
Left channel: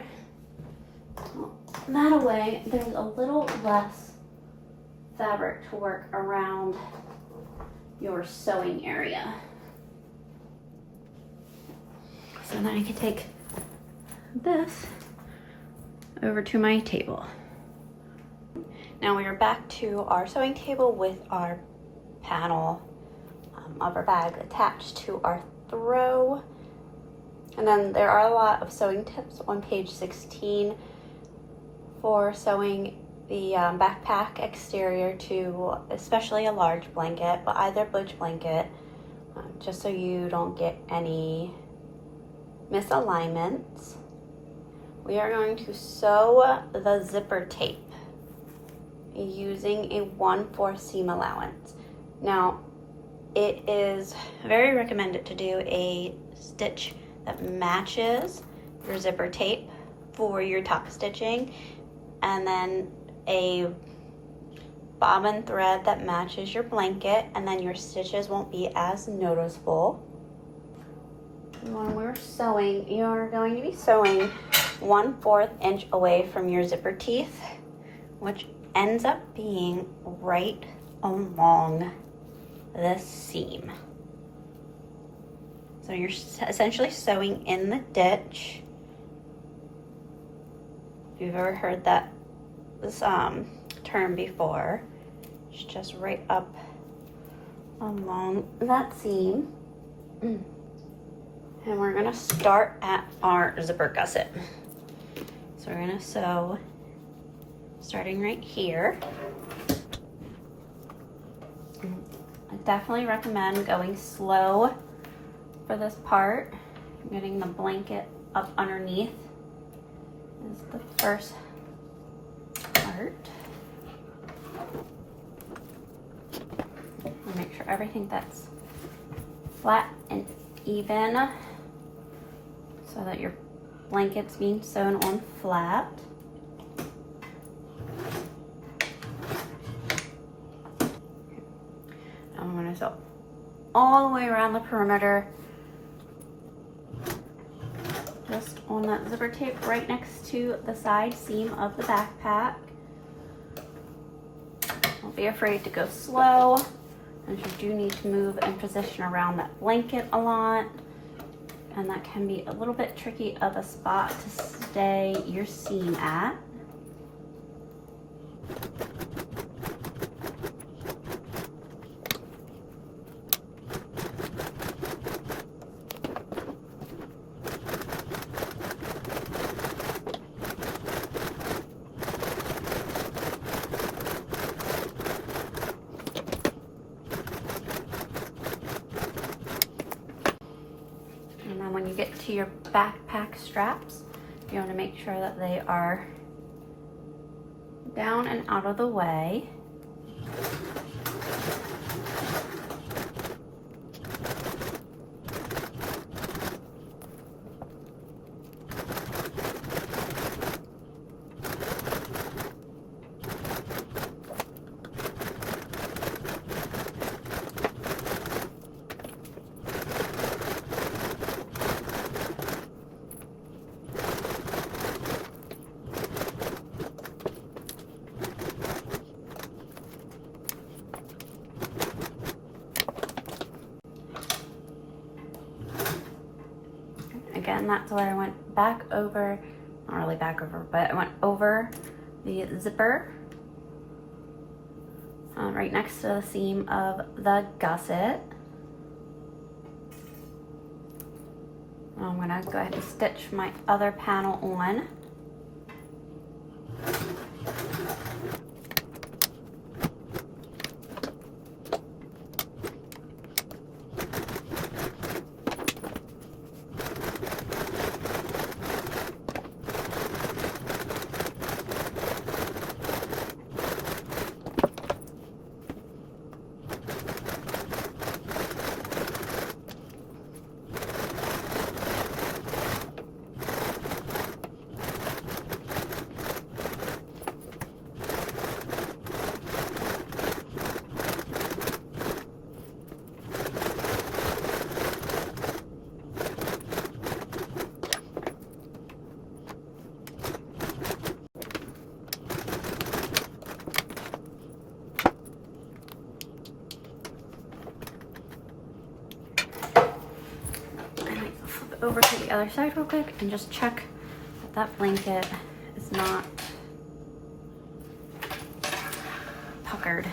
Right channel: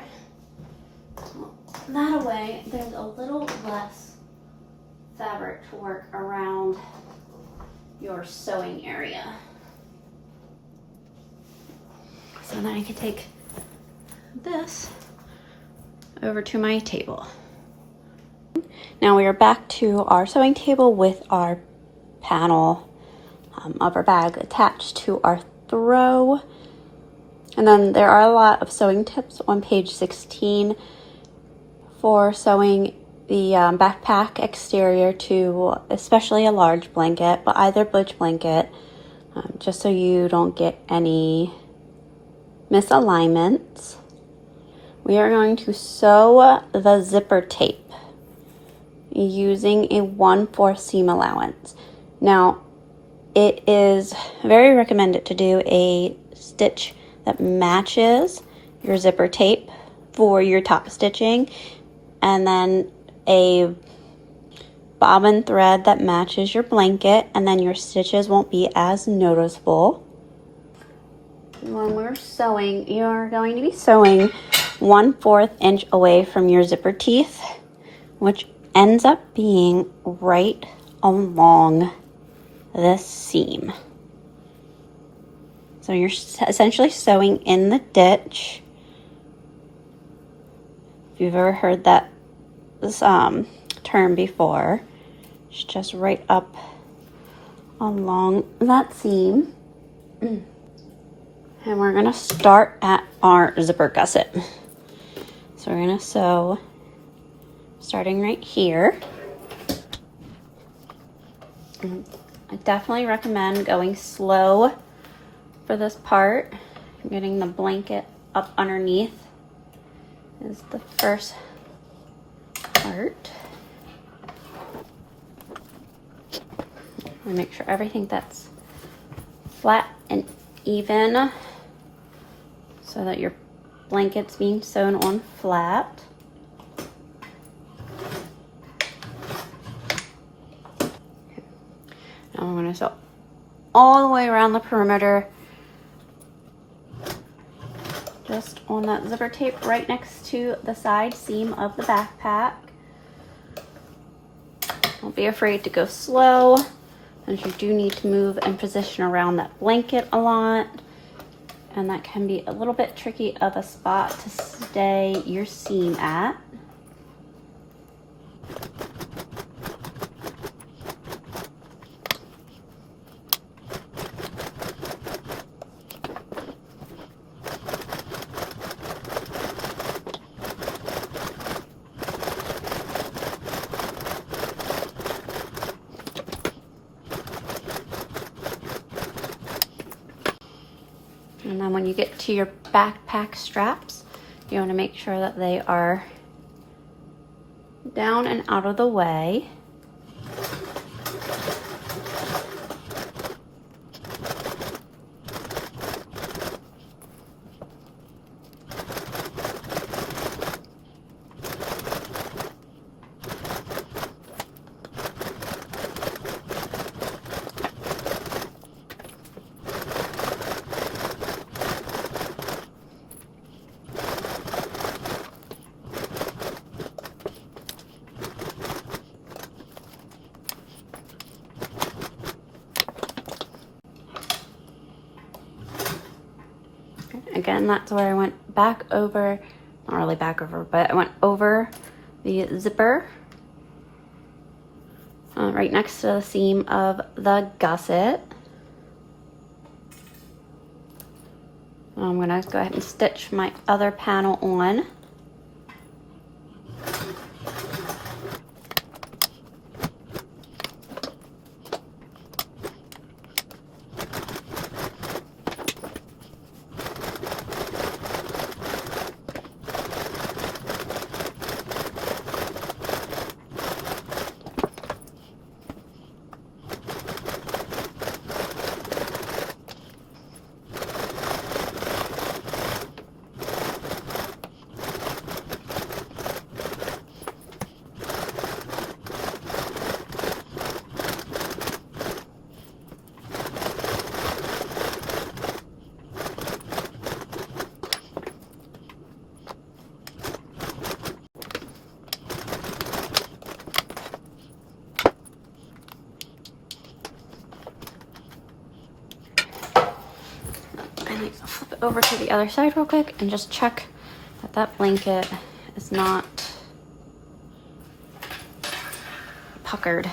That way there's a little less fabric to work around your sewing area. So then I can take this over to my table. Now we are back to our sewing table with our panel of our bag attached to our throw. And then there are a lot of sewing tips on page 16 for sewing the backpack exterior to especially a large blanket, but either butch blanket, just so you don't get any misalignments. We are going to sew the zipper tape using a 1/4 seam allowance. Now, it is very recommended to do a stitch that matches your zipper tape for your top stitching, and then a bobbin thread that matches your blanket, and then your stitches won't be as noticeable. When we're sewing, you're going to be sewing 1/4 inch away from your zipper teeth, which ends up being right along this seam. So you're essentially sewing in the ditch. If you've ever heard that term before, it's just right up along that seam. And we're gonna start at our zipper gusset. So we're gonna sew starting right here. I definitely recommend going slow for this part. Getting the blanket up underneath is the first part. I'll make sure everything that's flat and even so that your blanket's being sewn on flat. Now I'm going to sew all the way around the perimeter, just on that zipper tape right next to the side seam of the backpack. Don't be afraid to go slow, as you do need to move and position around that blanket a lot, and that can be a little bit tricky of a spot to stay your seam at. to your backpack straps, you want to make sure that they are down and out of the way. Again, that's where I went back over, not really back over, but I went over the zipper right next to the seam of the gusset. I'm gonna go ahead and stitch my other panel on. Flip it over to the other side real quick and just check that that blanket is not puckered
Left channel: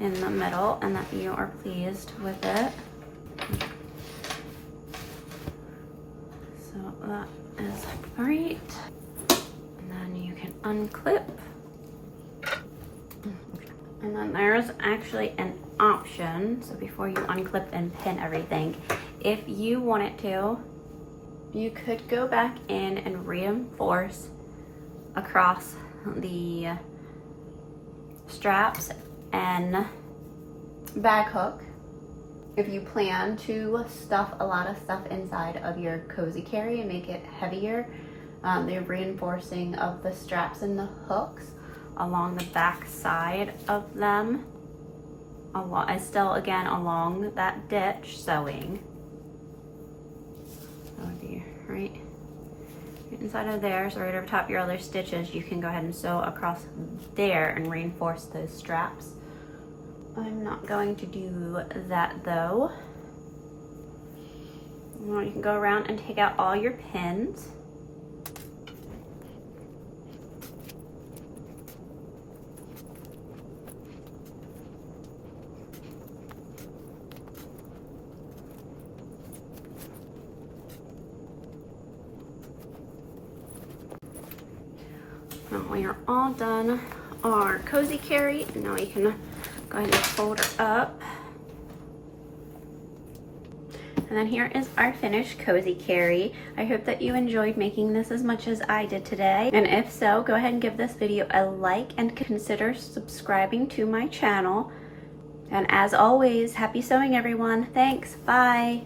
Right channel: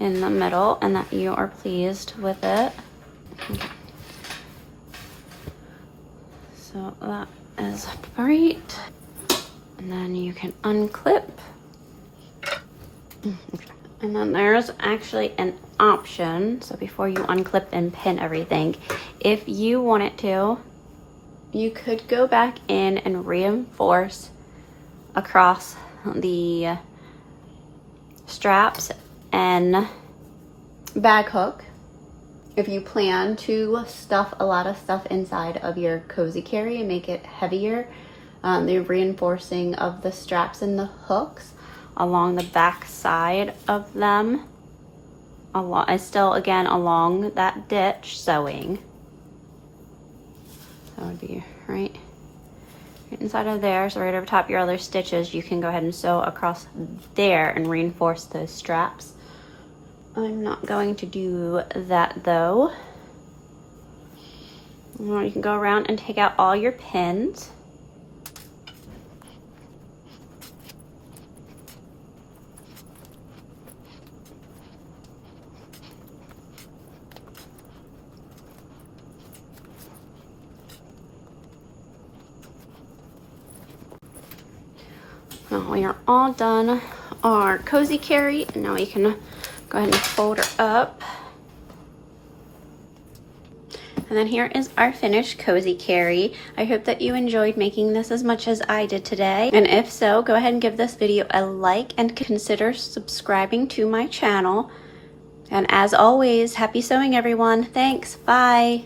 in the middle and that you are pleased with it. So that is great. And then you can unclip. And then there's actually an option. So before you unclip and pin everything, if you wanted to, you could go back in and reinforce across the straps and bag hook if you plan to stuff a lot of stuff inside of your cozy carry and make it heavier. The reinforcing of the straps and the hooks along the back side of them, still again along that ditch sewing. That would be right inside of there. So right over top your other stitches, you can go ahead and sew across there and reinforce those straps. I'm not going to do that though. You can go around and take out all your pins. Now we are all done our cozy carry. Now we can go ahead and fold it up. And then here is our finished cozy carry. I hope that you enjoyed making this as much as I did today. And if so, go ahead and give this video a like and consider subscribing to my channel. And as always, happy sewing everyone. Thanks, bye.